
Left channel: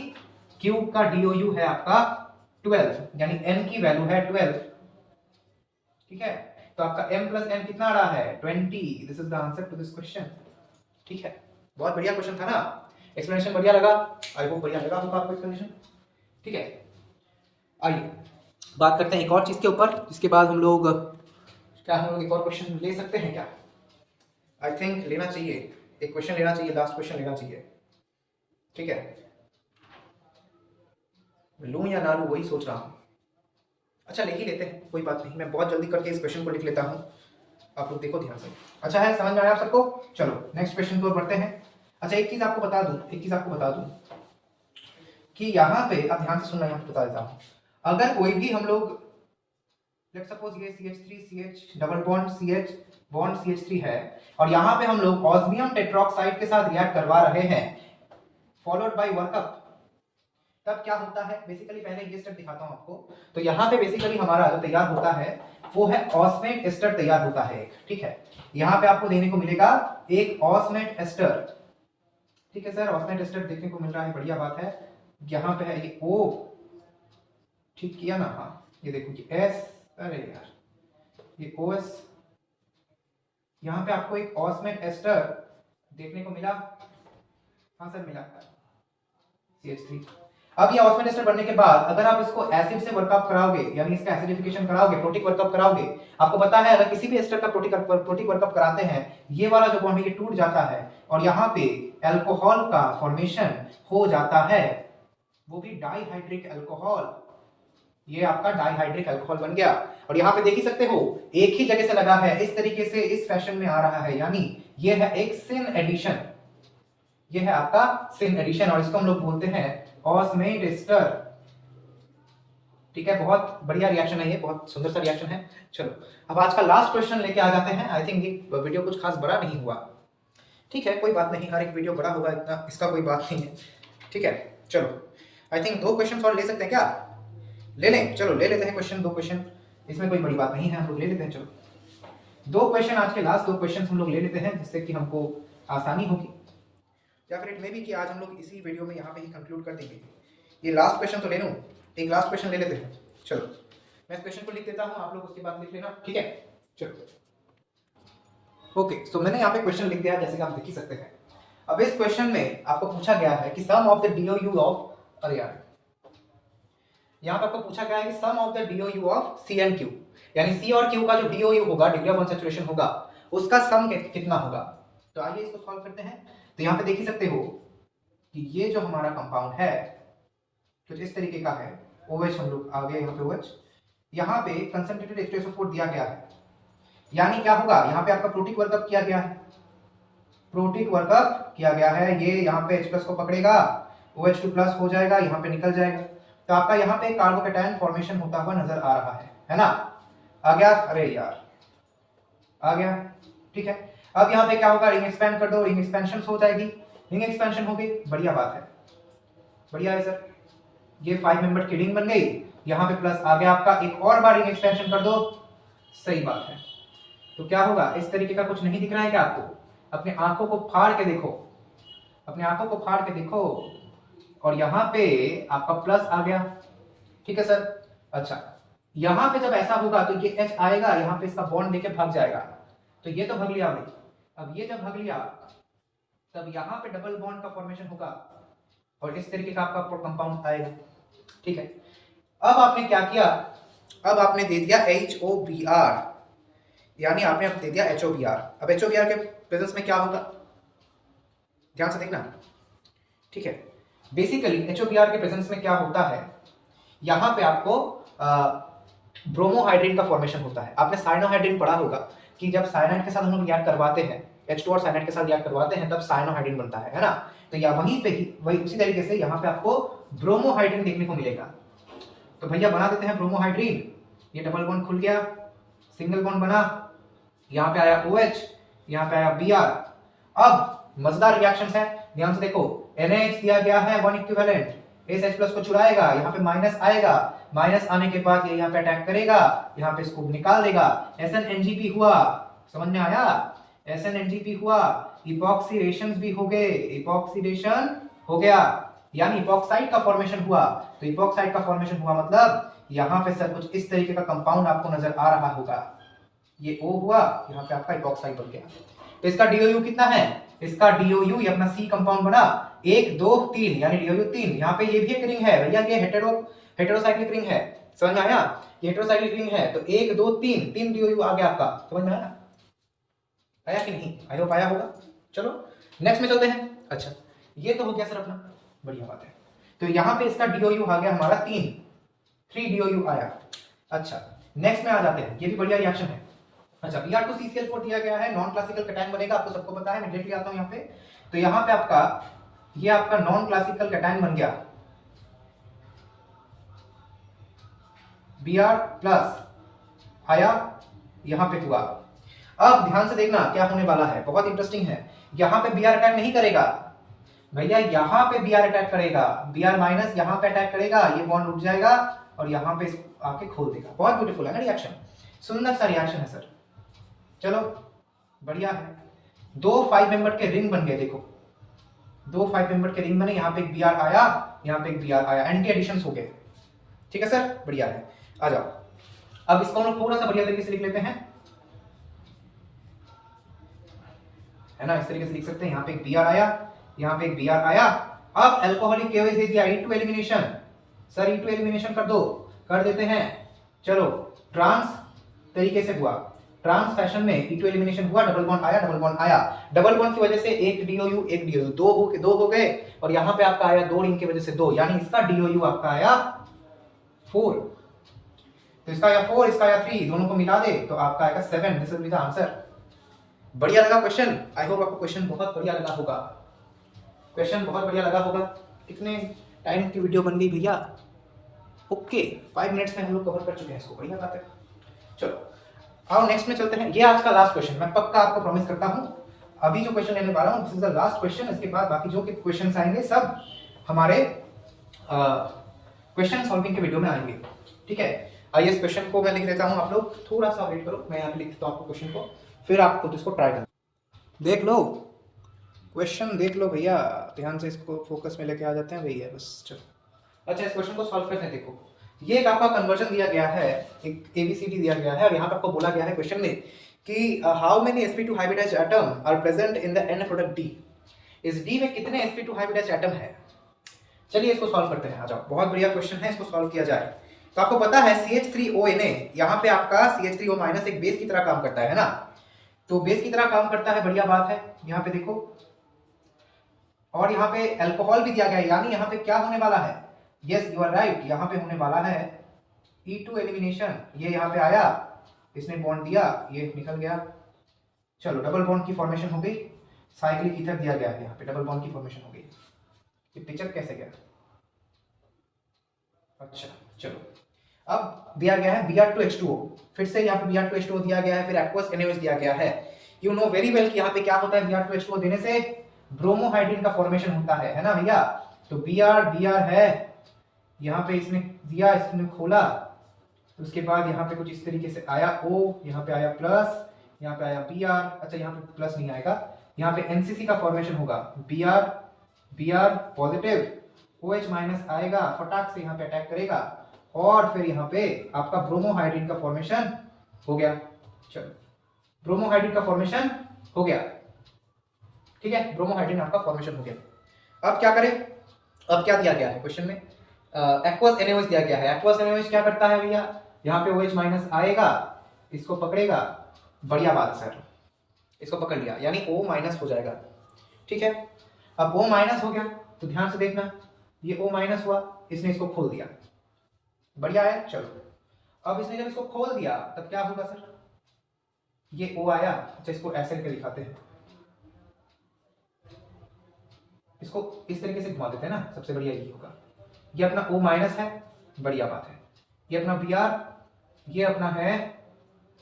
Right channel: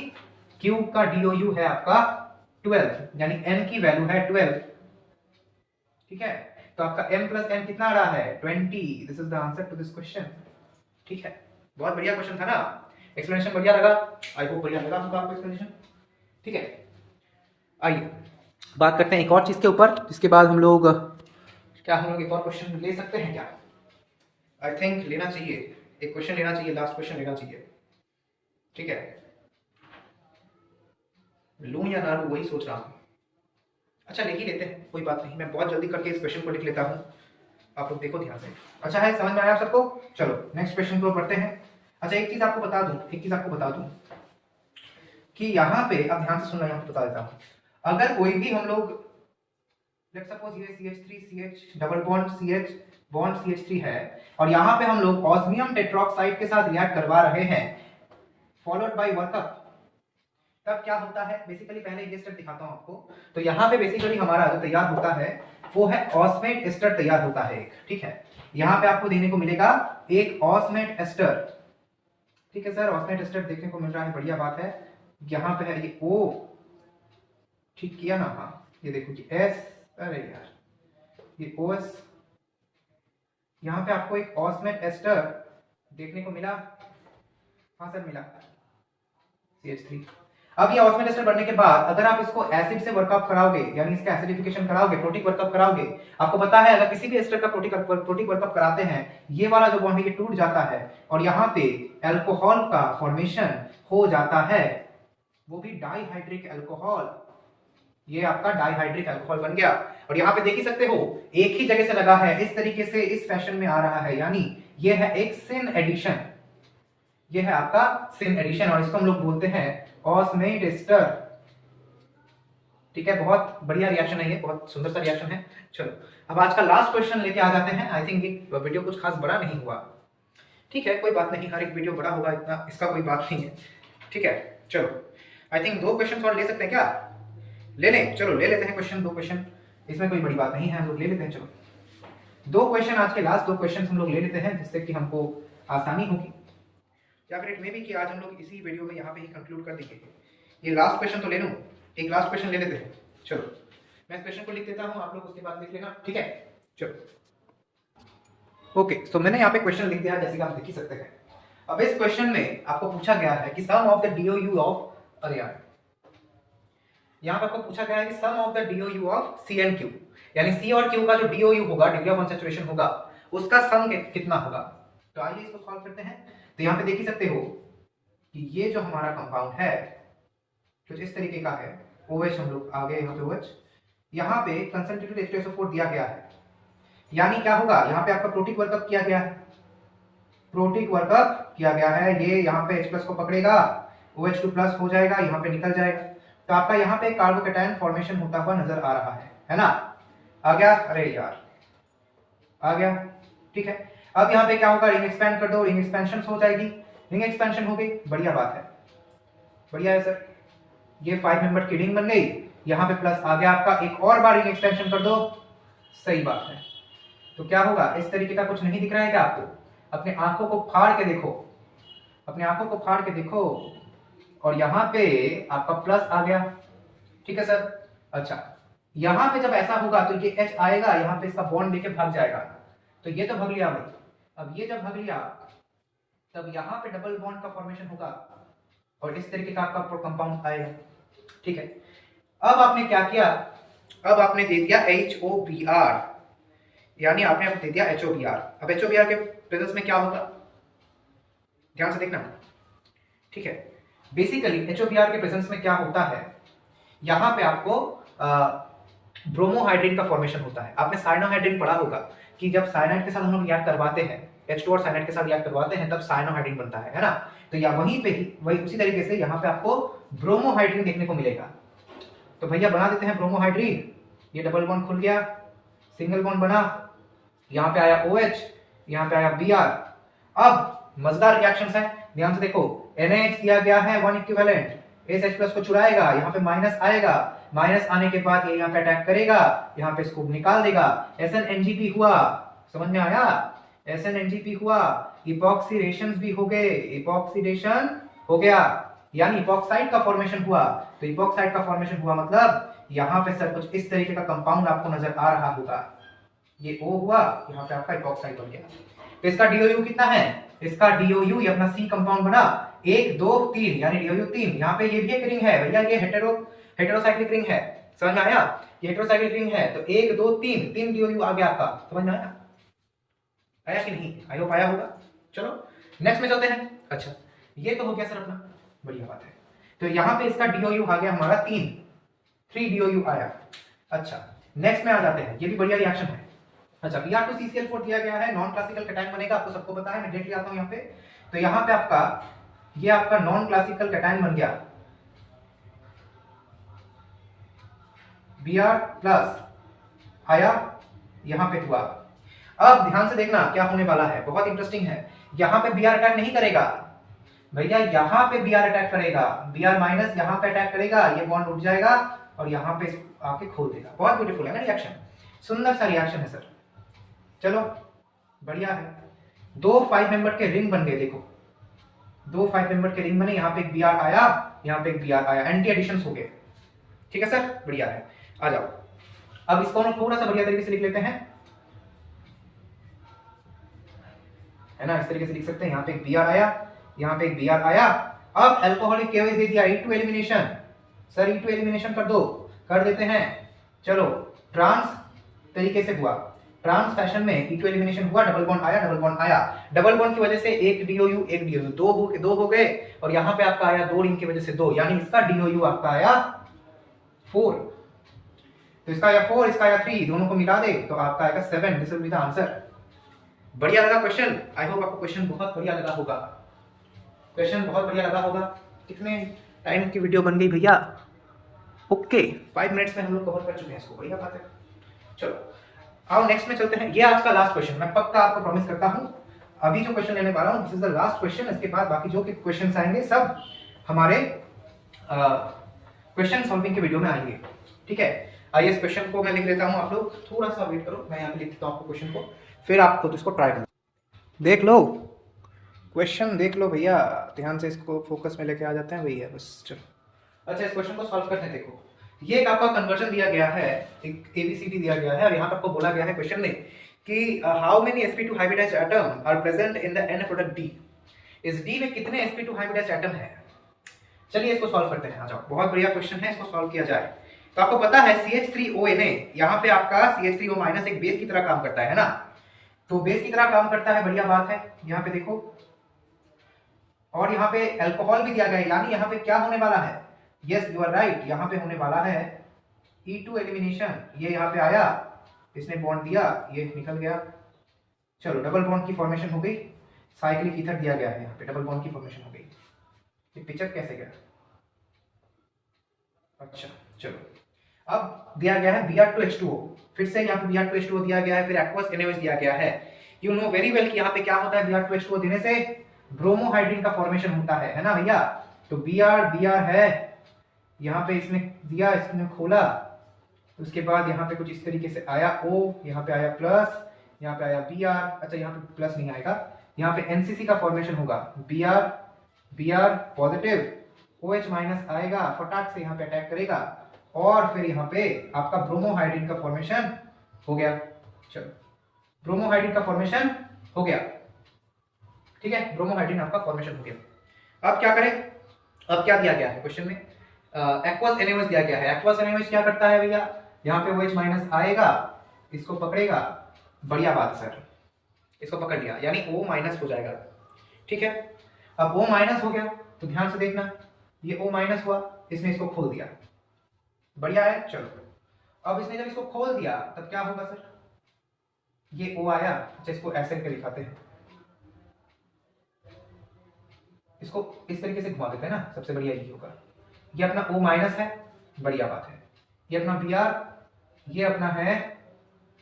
क्यू का DOU है आपका 12, यानी N की वैल्यू है 12, ठीक है। तो आपका M + N कितना आ रहा है? 20। This is the answer to this question, ठीक है। बहुत बढ़िया क्वेश्चन था ना, एक्सप्लेनेशन बढ़िया लगा, आई होप बढ़िया लगा आपको एक्सप्लेनेशन, ठीक है। आइए बात करते हैं एक और चीज के ऊपर, जिसके बाद हम लोग एक और क्वेश्चन ले सकते हैं क्या? आई थिंक लेना चाहिए, एक क्वेश्चन लेना चाहिए, लास्ट क्वेश्चन लेना चाहिए, ठीक है। लूं या ना लूं वही सोच रहा हूं। अच्छा ले ही लेते हैं, कोई बात नहीं, मैं बहुत जल्दी करके इस क्वेश्चन को लिख लेता हूं, आप लोग देखो ध्यान से। अच्छा है, समझ में आया आप सबको? चलो नेक्स्ट क्वेश्चन को बढ़ते हैं। अच्छा एक चीज आपको बता दूं कि यहाँ पे आप ध्यान से सुनना, यहाँ पे बता देता हूं। अगर कोई भी हम लोग लेट्स सपोज ये CH3 CH double bond CH bond CH3 है और यहाँ पे हम लोग ऑस्मियम टेट्रोक्साइड के साथ रिएक्ट करवा रहे हैं फॉलोड बाय वर्कअप, तब क्या होता है? बेसिकली पहले ये स्टेप दिखाता हूं आपको। तो यहाँ पे बेसिकली हमारा जो तैयार होता है वो है ऑस्मेट एस्टर तैयार होता है, ठीक है। यहाँ पे आपको देखने को मिलेगा एक ऑस्मेट एस्टर, ठीक है सर, ऑस्मेट एस्टर देखने को मिल रहा है, बढ़िया बात है। यहाँ पे है ये O ठीक किया ना? हाँ, ये देखो कि एस, अरे यार ये ओएस, यहाँ पे आपको एक ऑस्मेट एस्टर देखने को मिला। हाँ सर मिला, CH3। अब ये ऑस्मेट एस्टर बनने के बाद अगर आप इसको एसिड से वर्कअप कराओगे, यानी इसका एसिडिफिकेशन कराओगे, प्रोटिक वर्कअप कराओगे, आपको पता है अगर किसी भी एस्टर का प्रोटिक वर्कअप कराते हैं, ये वाला जो बॉन्ड है ये टूट जाता है और यहाँ पे अल्कोहल का फॉर्मेशन हो जाता है, वो भी डाइहाइड्रिक अल्कोहल। ये आपका डाइहाइड्रिक अल्कोहल बन गया। और यहाँ पे देख ही सकते हो एक ही जगह से लगा है, इस तरीके से इस फैशन में आ रहा है, यानी ये है एक सिन एडिशन, ये है आपका सिन एडिशन और इसको हम लोग बोलते हैं ऑस्मेट एस्टर। ठीक है, बहुत बढ़िया रिएक्शन है ये, बहुत सुंदर सा रिएक्शन है। चलो अब आज का लास्ट क्वेश्चन लेके आ जाते हैं। आई थिंक ये वीडियो कुछ खास बड़ा नहीं हुआ, ठीक है कोई बात नहीं, हर एक वीडियो बड़ा होगा इतना इसका कोई बात नहीं है। ठीक है चलो, आई थिंक 2 क्वेश्चन और ले सकते हैं क्या? ले लें, चलो ले लेते हैं क्वेश्चन, 2 क्वेश्चन, इसमें कोई बड़ी बात नहीं है, हम लोग ले लेते हैं। चलो 2 क्वेश्चन, आज के लास्ट 2 क्वेश्चन हम लोग ले लेते हैं, जिससे कि हमको आसानी होगी, या फिर इट मे बी कि आज हम लोग इसी वीडियो में यहाँ पे ही कंक्लूड कर देंगे। ये लास्ट क्वेश्चन तो ले लूँ, एक लास्ट क्वेश्चन ले लेते हैं। चलो मैं इस क्वेश्चन को लिख देता हूँ, आप लोग उसके बाद लिख लेना, ठीक है? चलो ओके, सो मैंने यहाँ पे क्वेश्चन लिख दिया जैसे कि आप देख ही सकते हैं। अब इस क्वेश्चन में आपको पूछा गया है कि sum of the DOU of, अरे यार यहाँ पे आपको पूछा गया है कि sum of the DOU of C and Q, यानी C और Q का जो DOU होगा, डिग्री ऑफ अनसैचुरेशन होगा, उसका सम कितना होगा। तो आइए इसको सॉल्व करते हैं। तो यहाँ पे देख ही सकते हो कि ये जो हमारा कंपाउंड है कुछ इस तरीके का है, OH हम लोग आ गए यहाँ पे OH, यहाँ पे कंसंट्रेटेड H2SO4 दिया गया है, यानी क्या होगा, यहाँ पे आपका प्रोटिक वर्कअप किया गया है, प्रोटिक वर्कअप किया गया है, ये यहाँ पे H+ को पकड़ेगा, OH2+ हो जाएगा, यहाँ पे निकल जाएगा, तो आपका यहाँ पे कार्बोकैटायन फॉर्मेशन होता हुआ नजर आ रहा है ना? आ गया? अरे यार आ गया, ठीक है। अब यहाँ पे क्या होगा, रिंग एक्सपेंड कर दो, रिंग एक्सपेंशन हो जाएगी, रिंग एक्सपेंशन हो गई, बढ़िया बात है, बढ़िया है सर। ये 5 मेंबर की रिंग बन गई, यहाँ पे प्लस आ गया आपका, एक और बार रिंग एक्सपेंशन कर दो, सही बात है। तो क्या होगा, इस तरीके का कुछ नहीं दिख रहा है क्या आपको? अपने आंखों को फाड़ के देखो, अपने आंखों को फाड़ के देखो, और यहाँ पे आपका प्लस आ गया, ठीक है सर। अच्छा यहाँ पे जब ऐसा होगा तो ये H आएगा, यहाँ पे इसका बॉन्ड लेके भाग जाएगा, तो ये तो भाग लिया भाई। अब ये जब भाग लिया तब यहाँ पे डबल बॉन्ड का फॉर्मेशन होगा और इस तरीके का आपका कंपाउंड आएगा, ठीक है। अब आपने क्या किया, अब आपने दे दिया HOBr, यानी आपने दे दिया HOBr। अब HOBr के प्रेजेंस में क्या होगा, ध्यान से देखना, ठीक है। बेसिकली HOBr के प्रेजेंस में क्या होता है, यहाँ पे आपको ब्रोमोहाइड्रिन का फॉर्मेशन होता है। आपने साइनोहाइड्रिन पढ़ा होगा कि जब साइनाइड के साथ हम लोग रिएक्ट करवाते हैं, H2 और साइनाइड के साथ रिएक्ट करवाते हैं, तब साइनोहाइड्रिन बनता है ना? तो या वहीं पे ही वही उसी तरीके से यहाँ पे आपको ब्रोमोहाइड्रिन देखने को मिलेगा। तो भैया बना देते हैं ब्रोमोहाइड्रिन, ये डबल बॉन्ड खुल गया, सिंगल बॉन्ड बना, यहाँ पे आया OH, यहाँ पे आया Br। अब मजेदार रिएक्शंस है, ध्यान से देखो, NH दिया गया है 1 इक्विवेलेंट, इस H+ को चुराएगा, यहाँ पे माइनस आएगा, माइनस आने के बाद ये यहाँ पे अटैक करेगा, यहाँ पे इसको निकाल देगा, SNNGP हुआ, समझ में आया? SNNGP हुआ, इपॉक्सीडेशन भी हो गए, इपॉक्सीडेशन हो गया, यानी इपॉक्साइड का फॉर्मेशन हुआ। तो इपॉक्साइड का फॉर्मेशन हुआ मतलब यहाँ पे सर कुछ इस तरीके का कंपाउंड आपको नजर आ रहा होगा, ये O हुआ, यहाँ पे आपका इपॉक्साइड बन गया। तो इसका DOU कितना है, इसका DOU ये अपना C कंपाउंड बना 1 2 3, यानी DOU 3। यहाँ पे ये भी एक रिंग है भैया, ये हेटेरोसाइक्लिक रिंग है, समझ में आया? ये हेटेरोसाइक्लिक रिंग है, तो 1 2 3 DOU आ गया आपका, समझ में आया? आया कि नहीं? आई होप आया होगा। चलो नेक्स्ट में चलते हैं। अच्छा ये तो हो गया सर अपना, बढ़िया बात है। तो यहाँ पे इसका DOU आ गया हमारा 3 DOU आया। अच्छा नेक्स्ट में आ जाते हैं, ये भी बढ़िया रिएक्शन है। अच्छा Br2CCl4 दिया गया है, नॉन क्लासिकल कैटायन बनेगा, आपको सबको पता है, मैं डेट लिया आता हूँ यहाँ पे। तो यहाँ पे आपका ये आपका नॉन क्लासिकल कैटायन बन गया, Br प्लस आया, यहाँ पे हुआ। अब ध्यान से देखना क्या होने वाला है, बहुत इंटरेस्टिंग है। यहाँ पे Br अटैक नहीं करेगा भैया, यहाँ पे Br अटैक करेगा, Br माइनस यहाँ पे अटैक करेगा, ये बॉन्ड उठ जाएगा और यहाँ पे आके खोल देगा। बहुत ब्यूटीफुल है ना रिएक्शन, सुंदर सा रिएक्शन है सर। चलो बढ़िया है, 2 5 मेंबर के रिंग बन गए, देखो 2 5 मेंबर के रिंग बने, यहाँ पे एक Br आया, यहाँ पे एक Br आया, एंटी एडिशंस हो गए, ठीक है सर, बढ़िया है। आ जाओ, अब इसको हम थोड़ा सा बढ़िया तरीके से लिख लेते हैं, है ना, इस तरीके से लिख सकते हैं। यहाँ पे एक Br आया, यहाँ पे एक Br आया। अब अल्कोहलिक केओएच दे दिया, E2 elimination. Sir E2 elimination कर दो, कर देते हैं। चलो ट्रांस तरीके से हुआ, ट्रांस फैशन में E2 एलिमिनेशन हुआ, डबल बॉन्ड आया, डबल बॉन्ड आया, डबल बॉन्ड की वजह से एक DOU एक DOU, दो हो गए, और यहाँ पे आपका आया 2 रिंग की वजह से 2, यानी इसका DOU आपका आया 4, तो इसका आया 4, इसका आया 3, दोनों को मिला दे तो आपका आएगा 7। This will be the answer. बढ़िया लगा क्वेश्चन? आई होप आपको क्वेश्चन बहुत बढ़िया लगा होगा, क्वेश्चन बहुत बढ़िया लगा होगा। कितने टाइम की वीडियो बन गई भैया? ओके, 5 मिनट्स में हम लोग कवर कर चुके हैं इसको, बढ़िया बात है। चलो आओ नेक्स्ट में चलते हैं। ये आज का लास्ट क्वेश्चन, मैं पक्का आपको प्रॉमिस करता हूँ अभी जो क्वेश्चन लेने वाला हूँ this is the last question. इसके बाद बाकी जो क्वेश्चन आएंगे सब हमारे क्वेश्चन सॉल्विंग की वीडियो में आएंगे, ठीक है। आइए इस क्वेश्चन को मैं लिख लेता हूँ, आप लोग थोड़ा सा वेट करो, मैं यहाँ पे लिख देता हूँ आपको क्वेश्चन को, फिर आप खुद इसको ट्राई करो। देख लो क्वेश्चन, देख लो भैया, ध्यान से इसको फोकस में लेके आ जाते हैं भैया बस। चलो अच्छा, इस क्वेश्चन को सॉल्व करते हैं। देखो ये एक आपका कन्वर्जन दिया गया है, एक ABCD दिया गया है, और यहाँ पे आपको बोला गया है क्वेश्चन में कि how many sp2 hybridized atom are present in the end product D। इस D में कितने sp2 हाइब्रिडाइज्ड एटम है? चलिए इसको सॉल्व करते हैं, आ जाओ। बहुत बढ़िया क्वेश्चन है, इसको सॉल्व किया जाए। तो आपको पता है CH3O Na, यहाँ पे आपका CH3O माइनस एक बेस की तरह काम करता है ना, तो बेस की तरह काम करता है, बढ़िया बात है। यहाँ पे देखो, और यहाँ पे अल्कोहल भी दिया गया है, यानी यहाँ पे क्या होने वाला है? यस यू आर राइट, यहाँ पे होने वाला है E2 एलिमिनेशन। ये यहाँ पे आया, इसने बॉन्ड दिया, ये निकल गया। चलो डबल बॉन्ड की फॉर्मेशन हो गई, साइक्लिक ईथर दिया गया है, यहाँ पे डबल बॉन्ड की फॉर्मेशन हो गई। ये पिक्चर कैसे गया? अच्छा चलो, अब दिया गया है Br2H2O, फिर से यहाँ पे Br2H2O दिया गया है, फिर एक्वस NaOH दिया गया है। यू नो वेरी वेल कि यहाँ पे क्या होता है, Br2H2O देने से ब्रोमोहाइड्रिन का फॉर्मेशन होता है ना भैया। तो Br है, यहाँ पे इसने दिया, इसने खोला, उसके बाद यहाँ पे कुछ इस तरीके से आया O, यहाँ पे आया प्लस, यहाँ पे आया Br, अच्छा यहाँ पे प्लस नहीं आएगा, यहाँ पे NCC का फॉर्मेशन होगा, Br पॉजिटिव, OH माइनस आएगा, फटाक से यहाँ पे अटैक करेगा, और फिर यहाँ पे आपका ब्रोमोहाइड्रिन का फॉर्मेशन हो गया। चलो ब्रोमोहाइड्रिन का फॉर्मेशन हो गया, ठीक है, ब्रोमोहाइड्रिन आपका फॉर्मेशन हो गया। अब क्या करें? अब क्या दिया गया है क्वेश्चन में? एक्वस NaOH दिया गया है। एक्वस NaOH क्या करता है भैया? यहाँ पे OH माइनस आएगा, इसको पकड़ेगा, बढ़िया बात सर, इसको पकड़ लिया, यानी O माइनस हो जाएगा, ठीक है। अब O माइनस हो गया तो ध्यान से देखना, ये O माइनस हुआ, इसने इसको खोल दिया, बढ़िया है। चलो अब इसने जब इसको खोल दिया तब क्या होगा सर? ये O आया, अच्छा इसको ऐसे करके दिखाते हैं, इसको इस तरीके से घुमा देते हैं ना, सबसे बढ़िया ये होगा। ये अपना O माइनस है, बढ़िया बात है। ये अपना Br, ये अपना है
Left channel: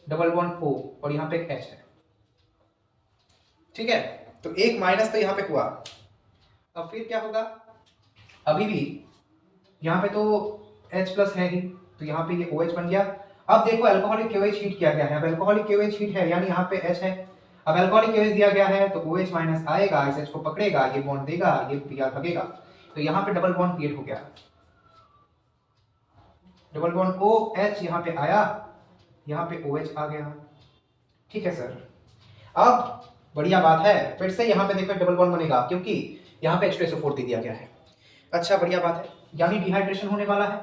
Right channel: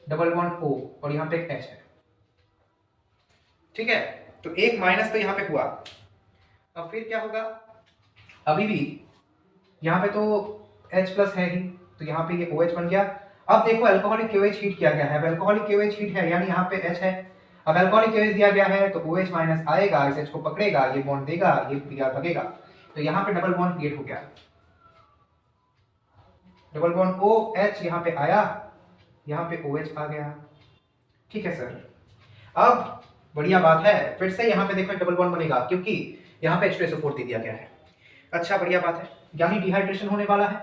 डबल बॉन्ड O, और यहाँ पे एक H है, ठीक है। तो एक माइनस तो यहाँ पे हुआ, अब फिर क्या होगा? अभी भी यहाँ पे तो H प्लस है ही, तो यहाँ पे ये OH बन गया। अब देखो अल्कोहलिक KOH हीट किया गया है, अब अल्कोहलिक KOH हीट है, यानी यहाँ पे H है। अब अल्कोहलिक KOH दिया गया है तो OH माइनस आएगा, इस H को पकड़ेगा, ये बॉन्ड देगा, ये Br भगेगा, तो यहाँ पे डबल बॉन्ड क्रिएट हो गया, डबल बॉन्ड OH यहाँ पे आया, यहाँ पे OH आ गया, ठीक है सर। अब बढ़िया बात है, फिर से यहाँ पे देखो डबल बॉन्ड बनेगा, क्योंकि यहाँ पे H2SO4 दे दिया गया है। अच्छा बढ़िया बात है, यानी डिहाइड्रेशन होने वाला है,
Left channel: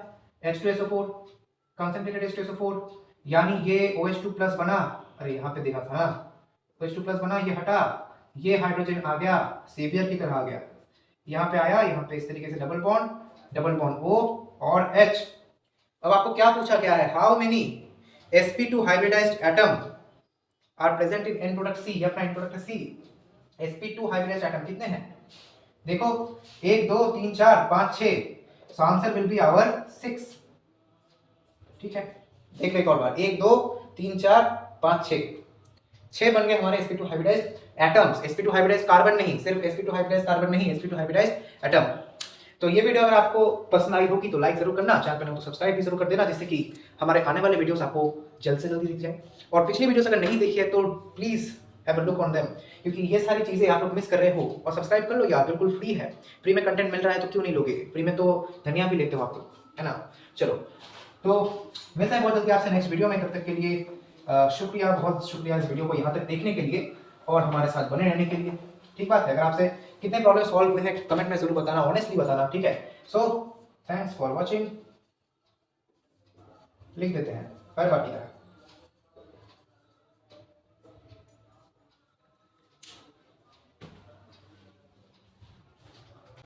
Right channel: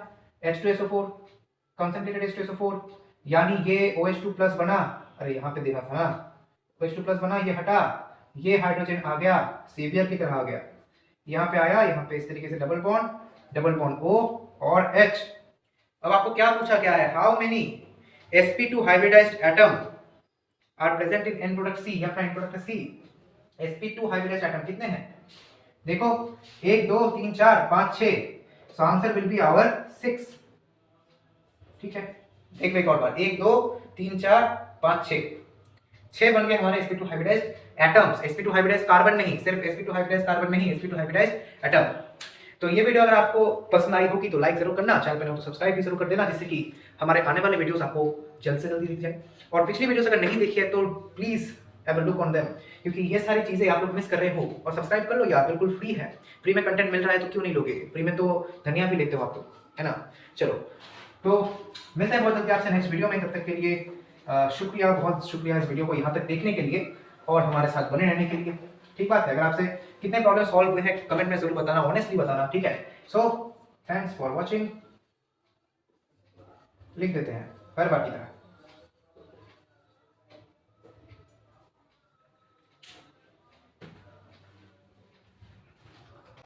H2SO4 कंसंट्रेटेड H2SO4, यानी ये OH2 प्लस बना, अरे यहाँ पे देखा था ना, OH2 प्लस बना, ये हटा, ये हाइड्रोजन आ गया, सेवियर की तरह आ गया, यहाँ पे आया, यहाँ पे इस तरीके से डबल बॉन्ड O और H। अब आपको क्या पूछा गया है? How many sp2 hybridized atom are present in end product C, अपना end product C। sp2 hybridized atom कितने हैं? देखो 1 2 3 4 5 6, so answer will be our 6, ठीक है। देख लो एक और बार, 1 2 3 4 5 6 बन गए हमारे sp2 hybridised atoms. sp2 hybridised carbon नहीं, सिर्फ sp2 हाइब्रिडाइज्ड कार्बन नहीं, sp2 हाइब्रिडाइज्ड एटम। तो ये वीडियो अगर आपको पसंद आई होगी तो लाइक जरूर करना, चैनल पर हो तो सब्सक्राइब भी जरूर कर देना, जिससे कि हमारे आने वाले वीडियोस आपको जल्द से जल्दी दिख जाए। और पिछली वीडियोस अगर नहीं देखी है तो please have a look on them, क्योंकि ये सारी चीजें आप लोग मिस कर रहे हो। और सब्सक्राइब कर लो यार, बिल्कुल फ्री है, फ्री में कंटेंट मिल रहा है तो क्यों नहीं लोगे? फ्री में तो धनिया भी लेते हो आप लोग, है ना। चलो तो मिलते हैं बहुत जल्दी आपसे नेक्स्ट वीडियो में, तब तक के लिए शुक्रिया, बहुत शुक्रिया इस वीडियो को यहाँ तक देखने के लिए और हमारे साथ बने रहने के लिए। ठीक बात है, अगर आपसे कितने प्रॉब्लम सॉल्व हुए हैं कमेंट में जरूर बताना, ऑनेस्टली बताना, ठीक है। सो थैंक्स फॉर वॉचिंग, लिख देते हैं पर बाकी